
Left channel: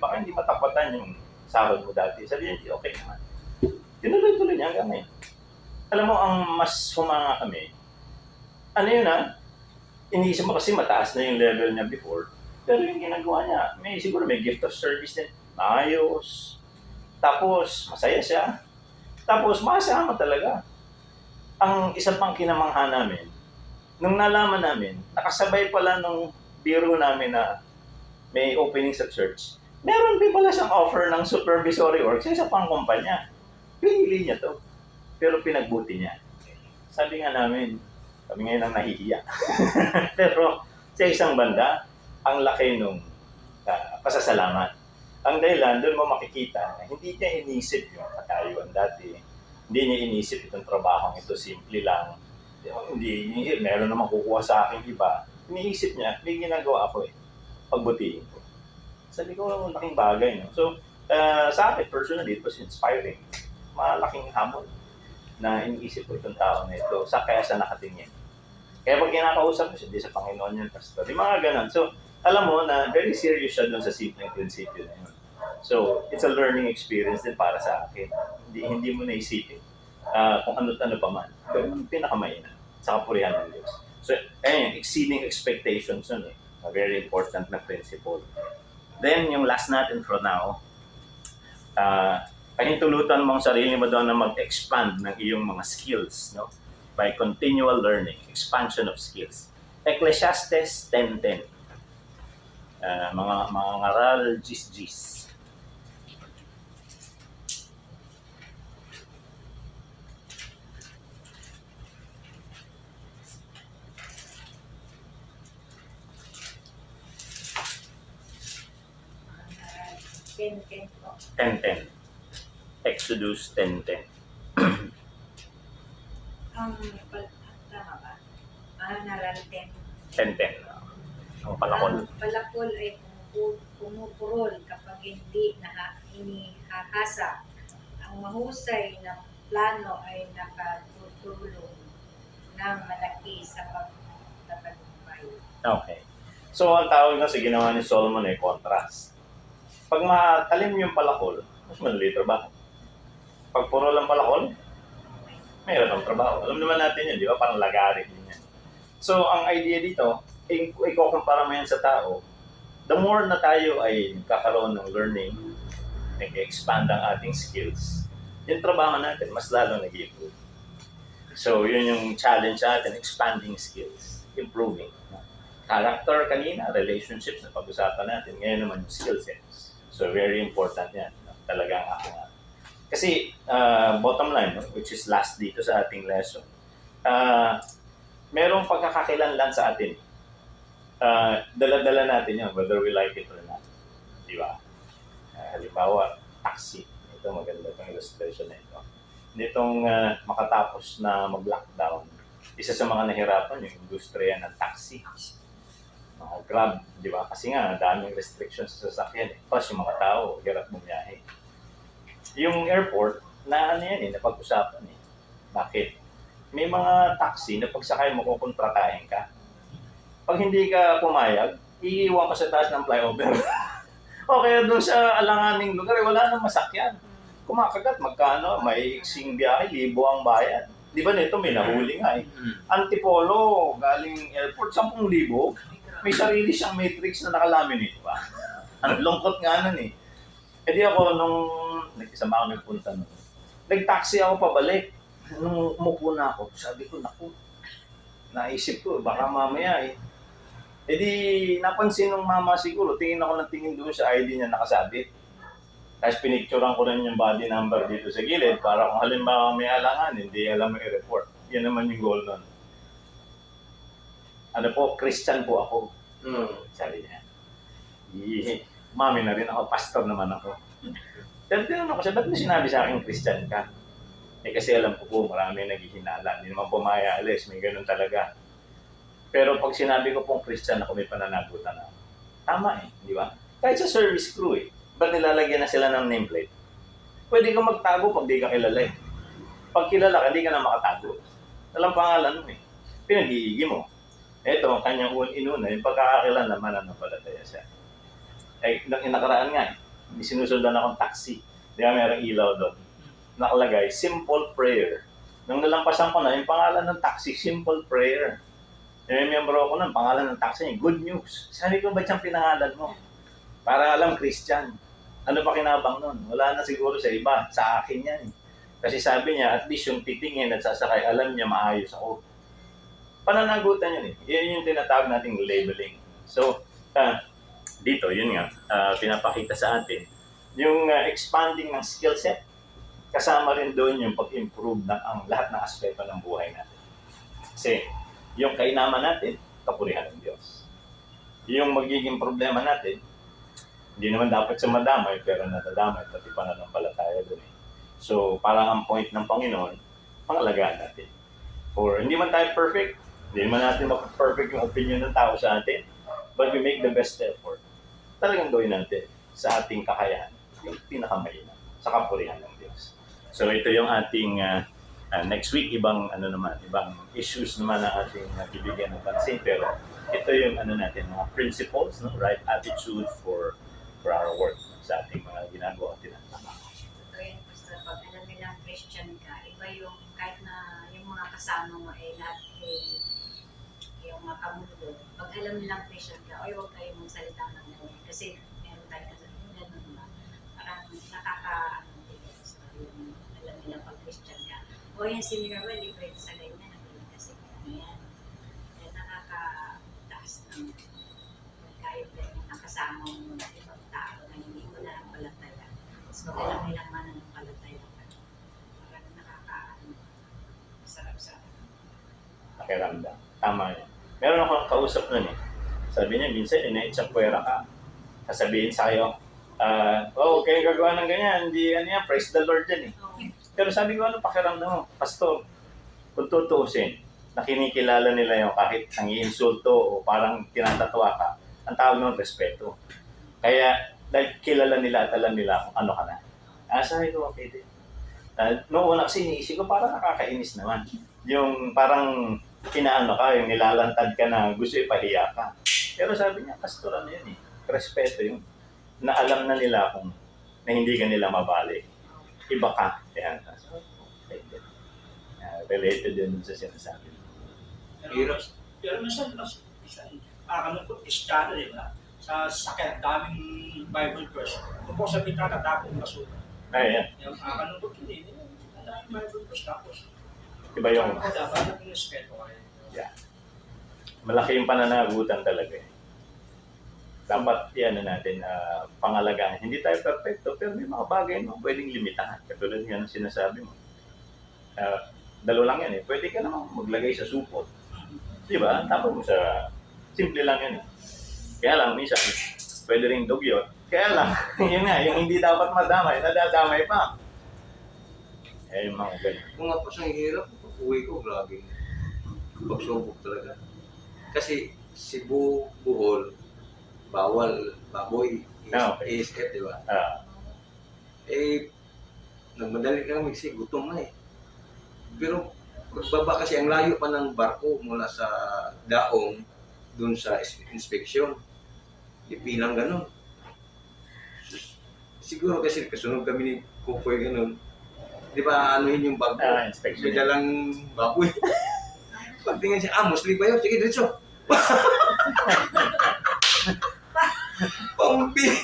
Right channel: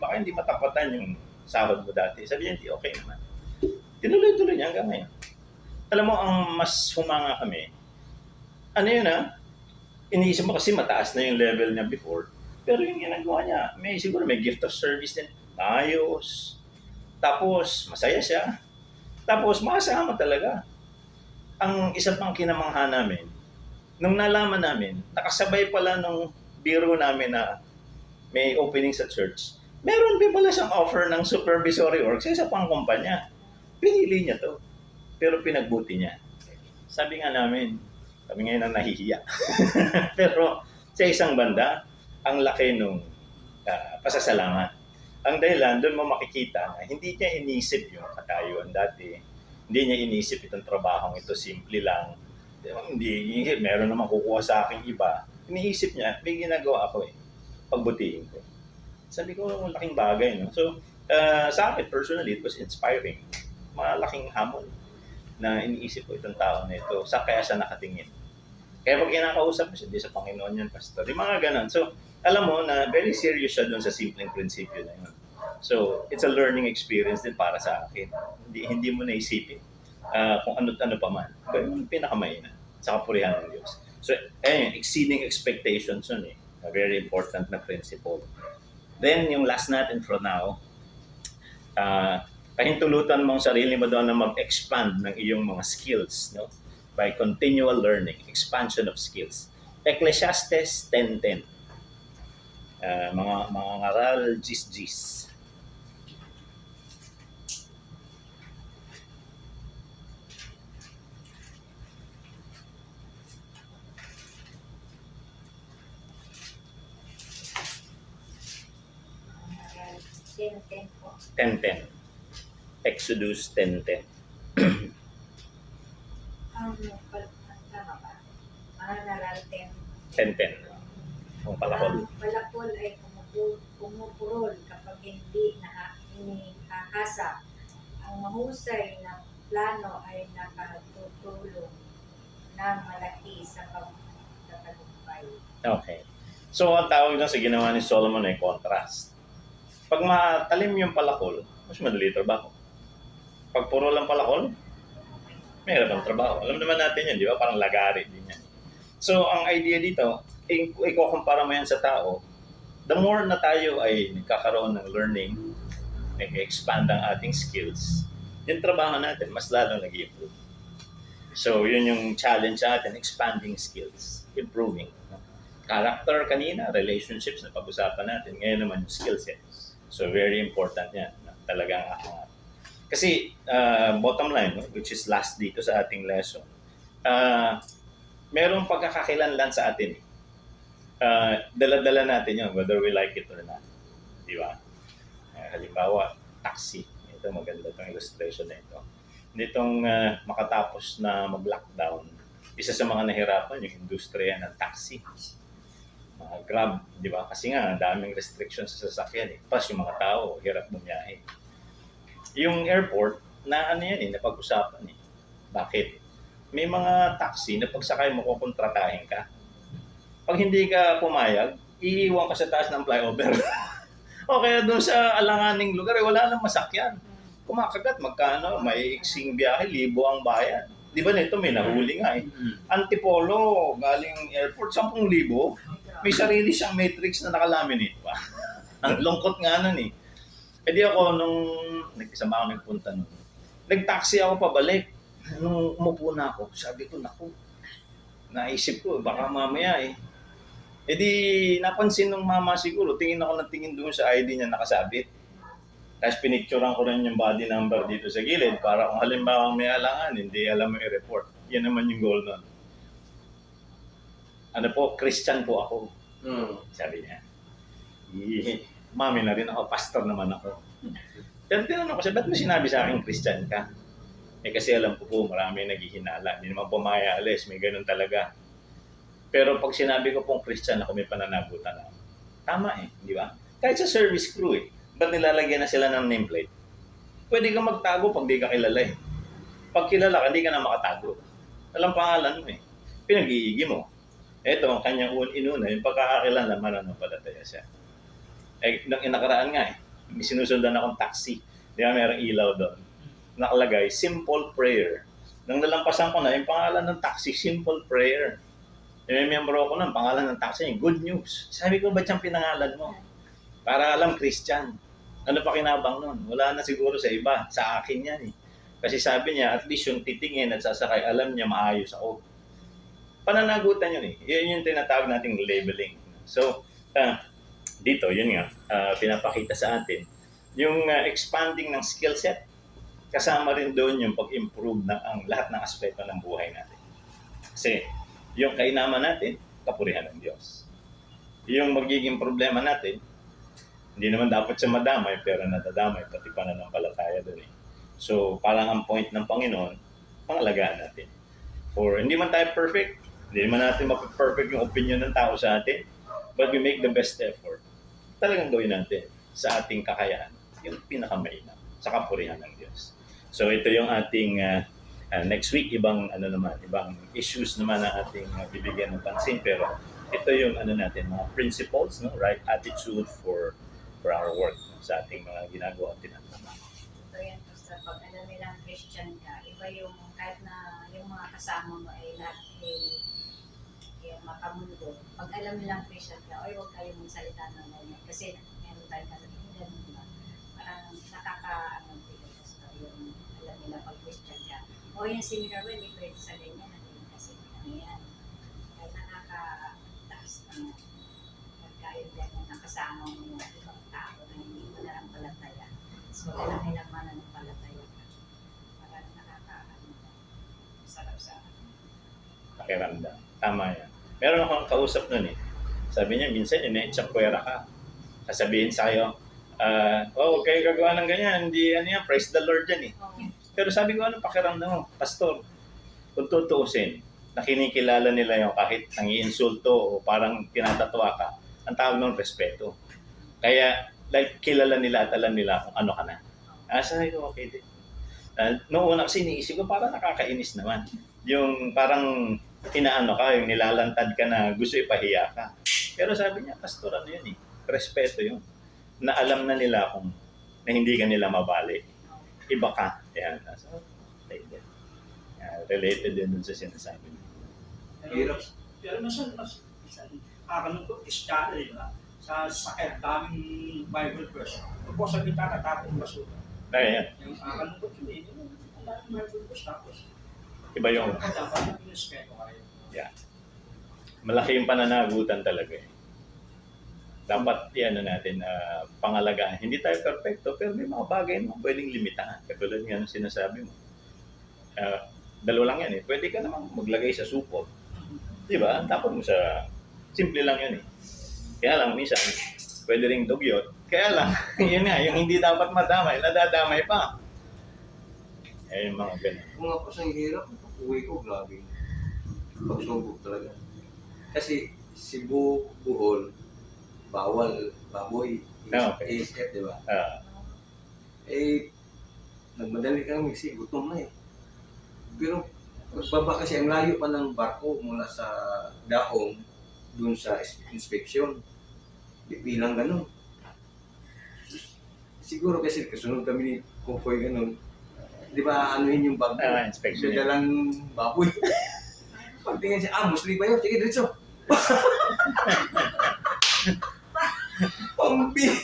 baka hindi matapatan yung sahod mo dati. Sabi niya, hindi okay naman. Tinuloy-tuloy niya hanggang ngayon. Alam mo, ang mas humanga kami, iniisip mo kasi mataas na yung level niya before. Pero yung ginagawa niya, siguro may gift of service din. Ayos. Tapos, masaya siya. Tapos, makasama talaga. Ang isang pang kinamangha namin, nung nalaman namin, nakasabay pala nung biro namin na may opening sa church, meron din pala siyang offer ng supervisory work sa isa pang kumpanya. Pinili niya to. Pero pinagbuti niya. Sabi nga namin, kami ngayon ang nahihiya. Pero sa isang banda, ang laki nung pasasalamat. Ang dahilan, doon mo makikita na hindi niya inisip yung katayuan dati. Hindi niya inisip itong trabaho ito, simple lang. Hindi inisip, meron naman kukuha sa akin iba. Iniisip niya, may ginagawa ako eh. Pagbutihin ko. Sabi ko, malaking bagay. No? So, sa akin, personally, it was inspiring. Malaking hamon na iniisip ko itong tao na ito. Kaya siya nakatingin. Kaya pag kinakausap ko siya, di sa Panginoon yan, Pastor. Yung mga ganun. So, alam mo na very serious siya doon sa simpleng prinsipyo na yun. So, it's a learning experience din para sa akin. Hindi mo naisipin kung ano pa man. Pero yung pinakamaina sa kapurihan ng Diyos. So, ayun, exceeding expectations yun eh. A very important na principle. Then, yung last natin for now, pahintulutan mo ang sarili mo doon na mag-expand ng iyong mga skills, no? By continual learning, expansion of skills. Ecclesiastes 10:10. Mga ngaral, gis. Aral 10:10 po. 10:10. Exodus 10:10. Ang tama ba? Ang aral 10. 10:10. Ang palakol. Ang palakol ay pumupurol kapag hindi inihahasa. Ang mahusay na plano ay nakatutulong ng malaki sa pagtatagumpay. Okay. So, ang tawag na sa ginawa ni Solomon ay contrast. Pag matalim yung palakol, mas madali trabaho. Pag puro lang palakol, mayroon ang trabaho. Alam naman natin yun, di ba? Parang lagarin din yan. So, ang idea dito, ikaw kumpara mo yan sa tao, the more na tayo ay nagkakaroon ng learning, nag-expand ang ating skills, yung trabaho natin, mas lalo nag-improve. So, yun yung challenge sa atin, expanding skills, improving. Character kanina, relationships na pag-usapan natin, ngayon naman yung skill sets. So, very important yan. Talagang kasi, bottom line, which is last dito sa ating lesson, merong pagkakakilanlan sa atin. Dala-dala natin yun, whether we like it or not. Di ba? Halimbawa, taxi. Ito, maganda itong illustration na ito. Nitong makatapos na mag-lockdown, isa sa mga nahirapan yung industriya ng taxi. Mga Grab, di ba? Kasi nga, daming restrictions sa sasakyan. Plus, yung mga tao, hirap bumiyahe. Yung airport, na ano yan napag-usapan eh. Bakit? May mga taxi na pagsakay mo kukontratahin ka. Pag hindi ka pumayag, iiwan ka sa taas ng flyover. O kaya doon sa alanganing lugar, wala nang masakyan. Kumakagat, magkano, may iksing biyahe, libo ang bayad. Di ba nito, may nahuli nga eh. Antipolo, galing airport, 10,000. May sarili siyang matrix na nakalaminate pa. Ang lungkot nga nun eh. E di ako, nung nag-isama ako nagpunta nun, nag-taxi ako pabalik. Nung umupo na ako, sabi ko, naku, naisip ko, baka mamaya eh. E di, napansin ng mama siguro, tingin ako ng tingin doon sa ID niya nakasabit. Tapos pinicturean ko rin yung body number dito sa gilid para kung halimbawa may alangan, hindi alam mo i-report. Yan naman yung goal nun. Ano po, Christian po ako. Sabi niya. Mami na rin ako, pastor naman ako. Pero tinanong ko siya, ba't mo sinabi sa akin Christian ka? Eh kasi alam ko po, marami naghihinala. Hindi naman pumaya alis, may ganun talaga. Pero pag sinabi ko pong Christian ako, may pananagutan ako. Tama eh, di ba? Kahit sa service crew eh. Ba't nilalagyan na sila ng nameplate? Pwede kang magtago pag di ka kilala eh. Pag kilala ka, di ka na makatago. Alam pangalan mo eh. Pinag-iigi mo. Ito, ang kanyang inuna, yung pagkakakilala, mananampalataya siya. Eh, nang inakaraan nga eh, may sinusundan akong taxi. Di ba, mayroong ilaw doon. Nakalagay, simple prayer. Nang nalampasan ko na, yung pangalan ng taxi, simple prayer. Yung miyembro ko ng pangalan ng taxi, good news. Sabi ko, ba't siyang pinangalan mo? Para alam, Christian. Ano pa kinabang nun? Wala na siguro sa iba. Sa akin yan eh. Kasi sabi niya, at least yung titingin at sasakay, alam niya maayos ako. Pananagutan yun eh. Yun yung tinatawag nating labeling. So, dito, yun nga, pinapakita sa atin. Yung expanding ng skill set, kasama rin doon yung pag-improve ng ang lahat ng aspeto ng buhay natin. Kasi, yung kainaman natin, kapurihan ng Diyos. Yung magiging problema natin, hindi naman dapat siya madamay, pero natadamay, pati pananampalataya doon eh. So, parang ang point ng Panginoon, pangalagaan natin. For hindi man tayo perfect, hindi man natin perfect yung opinion ng tao sa atin, but we make the best effort talagang gawin natin sa ating kakayahan yung pinakamainam sa kapurihan ng Diyos. So ito yung ating next week, ibang issues naman ang ating bibigyan ng pansin, pero ito yung natin, mga principles, no, right attitude for our work sa ating mga ginagawa at tinatama. Totoo yan, basta pag alam nilang Christian ka, iba yung kahit na yung mga kasama mo ay lahat yung mga kamundo. Pag alam nilang Christian ka, oy, huwag kayong magsalita ng ganyan. Kasi meron tayo na yung ganun ba? Parang nakaka-ano so, yung alam nilang pag Christian ka. O yan si Minerva, hindi pwede sa ganyan. Hindi kasi ano yan. Kaya nakaka-taas ng kahit ganyan nakasama mo ng ibang tao na hindi mo na lang palataya. So, alam nilang mananampalataya ka. Parang nakaka-ano. Sarap sa Pakiramdam. Tama yan. Meron akong kausap nun eh. Sabi niya, minsan ina-itsapuera ka. Sasabihin sa kayo, huwag kayong gagawa ng ganyan. Hindi, praise the Lord yan eh. okay. Pero sabi ko, ano pakiramdam mo? Pastor, kung tutuusin, nakinikilala nila yung kahit ang iinsulto o parang tinatatwa ka, ang tawag ng respeto. Kaya, like, kilala nila at alam nila kung ano ka na. Sabi ko, okay din. Noong una kasi iniisip ko, parang nakakainis naman. Yung parang inaano ka, yung nilalantad ka na gusto ipahiya ka. Pero sabi niya, pastor, ano yun eh, respeto yun. Na alam na nila kung na hindi ka nila mabali. Iba ka. Yan. So, okay din. Related din dun sa sinasabi. Pero minsan, ano po, Kristiyano din na sa sakit, daming Bible verse. Kung po sa bitata, tapong basura. Dahil yan, Yung ano po, hindi, daming Bible verse tapos. iba yung Dapat na respeto ay. malaki yung pananagutan talaga eh. Dapat yan na natin pangalagaan. Hindi tayo perfecto, pero may mga bagay mo pwedeng limitahan. Katulad nga ng sinasabi mo. Dalawa lang yan eh. Pwede ka naman maglagay sa supot. Di ba? Tapos mo sa simple lang yan eh. Kaya lang, minsan, pwede ring dugyot. Kaya lang, yun nga, yung hindi dapat madamay, nadadamay pa. Yung mga ganyan. Kung ako siyang hirap, uwi ko, grabe. Pagsubok talaga. Kasi Cebu, Bohol, bawal baboy, Okay. ASF, di ba? Ah, Nagmadali kami kasi gutom na eh. Pero pagbaba kasi ang layo pa ng barko mula sa Daong dun sa inspeksyon. Ipilang ganun. Siguro kasi kasunod kami ni Kukoy ganun. Di ba anuhin yung barko? inspection May yan. dalang baboy. Pagtingin siya, Muslim ba yun? Sige, diretso. Pampira.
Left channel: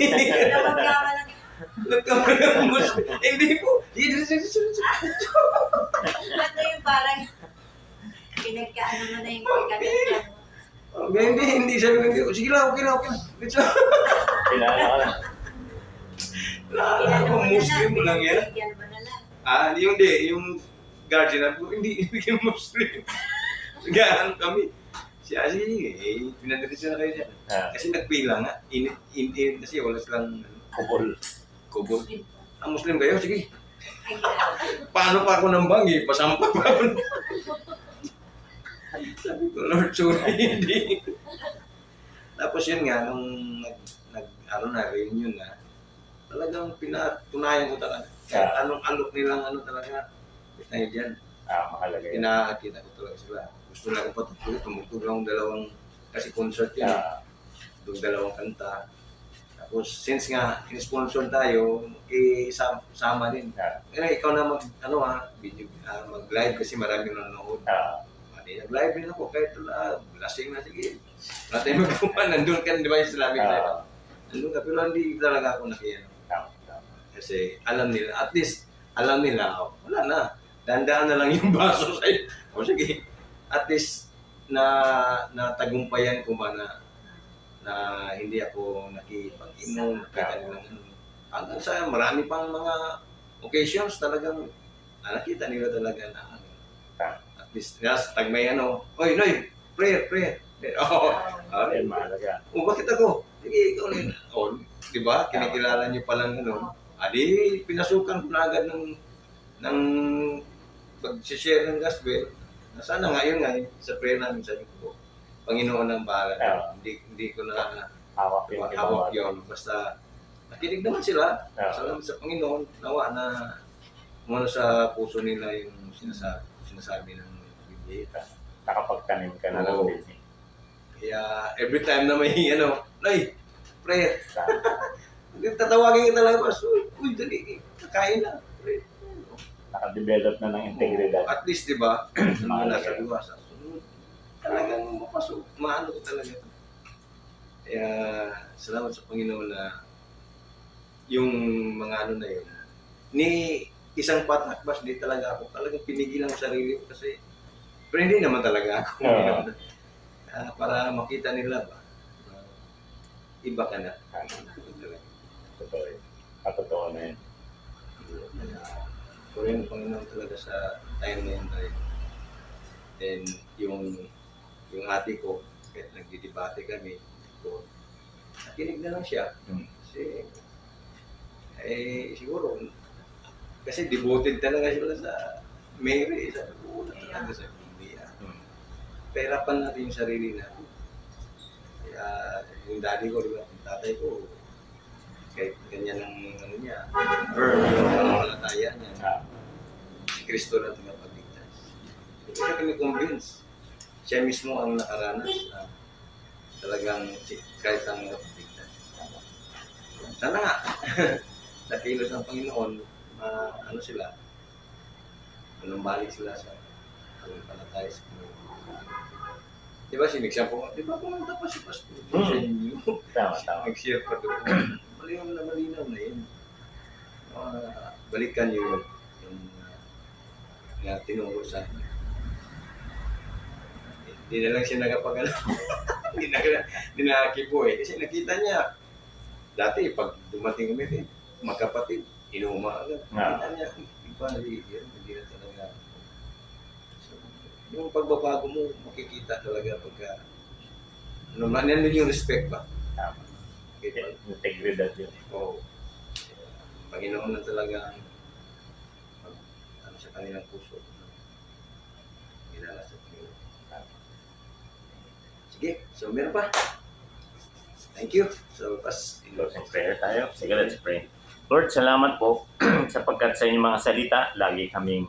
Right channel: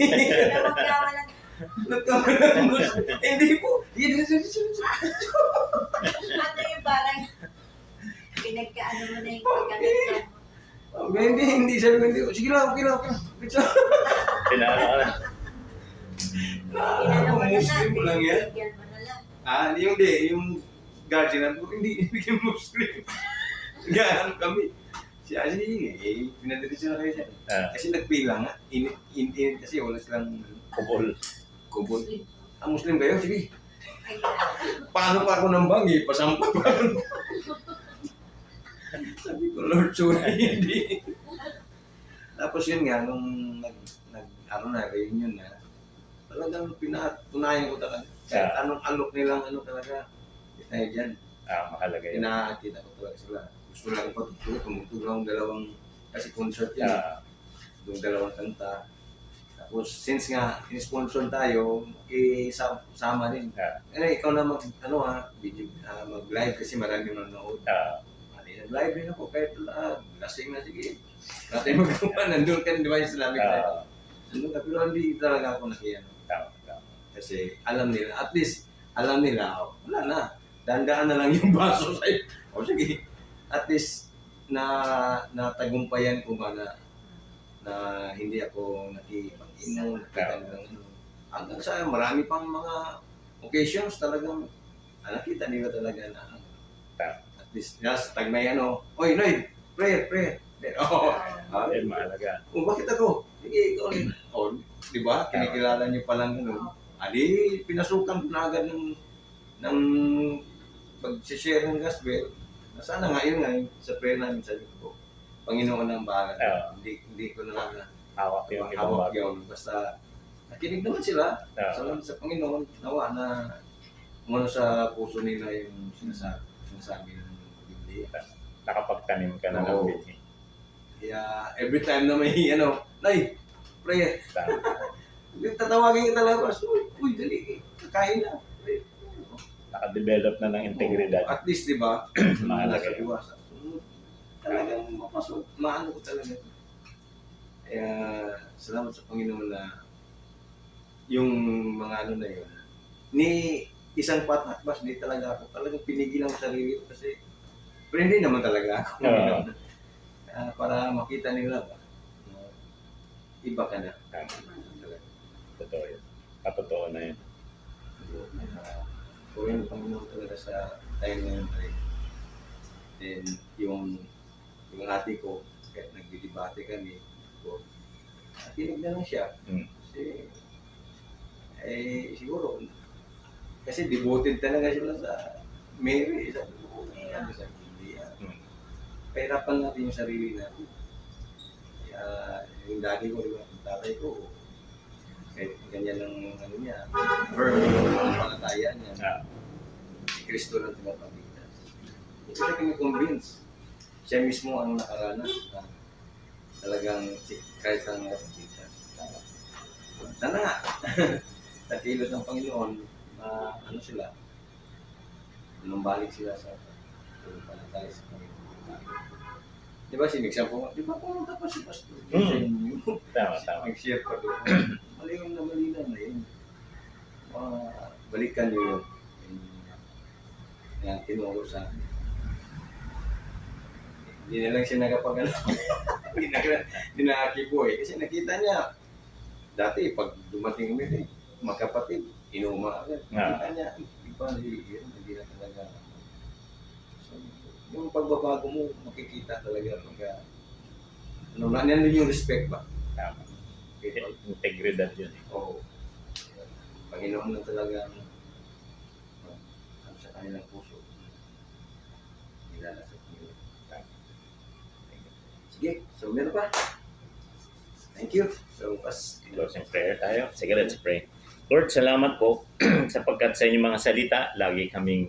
Pinapagyaman ng Muslim. Hindi po. Sige, diretso. ano yung parang pinagkaano mo na yung pagkakasyan mo. Hindi sabi hindi. Sige lang, okay lang. Diretso. Pinano ka na. Ako, Muslim mo lang yan. Bigyan mo na lang. Yung guardian na hindi bigyan Muslim. Gaan kami. Siya pinadiretso na kayo siya. Kasi nagpila nga. Init kasi wala silang kubol. Ang Muslim kayo, sige. Ay, grabe. Paano pa ako nambang eh? Pasampa pa ako. Sabi ko, Lord, sorry, hindi. Tapos yun nga, nung reunion na, talagang pinatunayan ko talaga. Kahit anong alok nilang talaga, tayo dyan. Mahalaga yan. Pinakita ko talaga sila. Gusto lang akong patutuloy, tumugtog lang dalawang, kasi concert yun. Yung dalawang kanta. Tapos, since nga, in-sponsor tayo, sama rin. Ikaw na video, mag-live kasi marami nanonood. Nag-live din ako, kahit lasing na, sige. Natin magawa, nandun ka, di ba yung Islamic life? Nandun ka, pero hindi talaga ako nakiyan. Kasi alam nila, at least, alam nila, wala na. Dandaan na lang yung baso sa'yo. O sige, at least, natagumpayan ko ba na hindi ako nakipag-inom, nakita nilang hanggang sa marami pang mga occasions talagang nakita nila talaga na at least tagmay oy Noy, prayer. Yan, mahalaga. Bakit ako? Sige, ikaw rin. Di ba? Kinikilala niyo palang di pinasukan ko na agad ng pag-share ng gospel. Sana ngayon nga sa prayer namin sabi ko, Panginoon ang bahala. Hindi ko na Hawak yung hawak yun. Basta nakinig naman sila. Ah. Salamat sa Panginoon. Nawa na umano sa puso nila yung sinasabi ng Biblia. Nakapagtanim ka na ng Oo. baby. Kaya every time na may Nay, prayer. Tama. Tatawagin kita lang, boss. Uy, dali. Kakain na. Prayer. Nakadevelop na ng integridad. At least, di ba? Mga Mahal nasa kayo. liwasa. Talagang mapasok. Maano ko talaga. Kaya, salamat sa Panginoon na yung mga ano na yun. Ni isang patakbas, di talaga ako. Talagang pinigilan ang sarili ko kasi pero hindi naman talaga ako. Oo. Para makita nila ba na iba ka na. Totoo yun. Totoo na yun. Purihin ng Panginoon talaga sa time na yun tayo. Then, yung ate ko, kahit nagdidebate kami, nakinig na lang siya. Hmm. Kasi, siguro, kasi devoted talaga sila sa Mary, sa buo talaga sa Biblia. Hmm. Pahirapan natin yung sarili natin. Kaya, yung daddy ko, diba, yung tatay ko, kahit ganyan ang ano niya, firm yung palataya niya, Ah. si Kristo na tagapagligtas. Hindi ko siya kini-convince. Siya mismo ang nakaranas na talagang si Christ ang nakapagligtas. Sana nga, sa kilos ng Panginoon, na ano sila, manumbalik sila sa palataya sa Panginoon. Di ba sinigsan po, di ba pumunta pa si Pastor sa inyo? Tama, tama. Nag-share pa doon. Malinaw na yun. Balikan nyo yun. Yung tinuro sa hindi na lang siya nakapagano. Hindi nakipo eh. Kasi nakita niya, dati pag dumating kami, magkapatid, inuma agad. Nakita niya, iba, hindi na talaga. So, yung pagbabago mo, makikita talaga pagka, ano, nandun yung respect ba? Tama. Okay, Integridad yun. Oo. Panginoon na talaga ano sa kanilang puso. Kilala sa Panginoon. Sige, so meron pa. Thank you. So, Closing prayer tayo. Sige, let's pray. Lord, salamat po sapagkat sa inyong mga salita, lagi kaming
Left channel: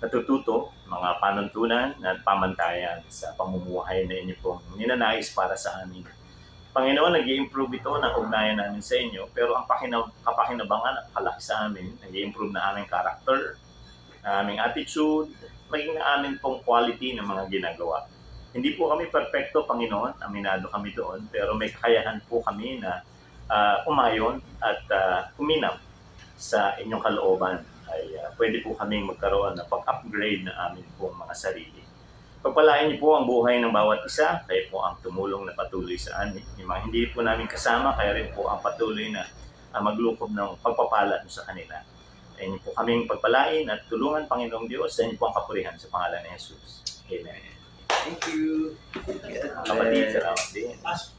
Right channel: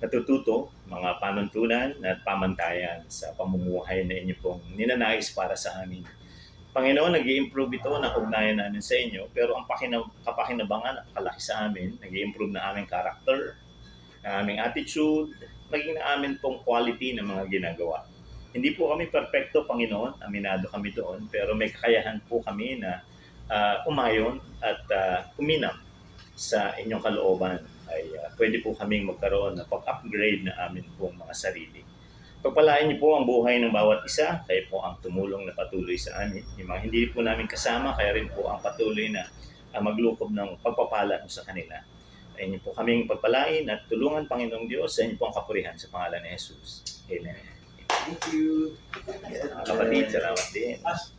natututo, mga panuntunan at pamantayan sa pamumuhay na inyo pong ninanais para sa amin. Panginoon, nag-i-improve ito ng ugnayan namin sa inyo, pero ang kapakinabangan at kalaki sa amin, nag-i-improve na aming character, na aming attitude, maging na amin pong quality ng mga ginagawa. Hindi po kami perfecto, Panginoon, aminado kami doon, pero may kakayahan po kami na umayon at uminam sa inyong kalooban. Ay pwede po kaming magkaroon ng pag-upgrade na amin pong mga sarili. Pagpalain niyo po ang buhay ng bawat isa, kayo po ang tumulong na patuloy sa amin. Yung mga hindi po namin kasama, kaya rin po ang patuloy na maglukob ng pagpapala sa kanila. Ay niyo po kaming pagpalain at tulungan, Panginoong Diyos, sa inyo po ang kapurihan sa pangalan ni Jesus. Amen. Thank you. Kapatid, salamat din. As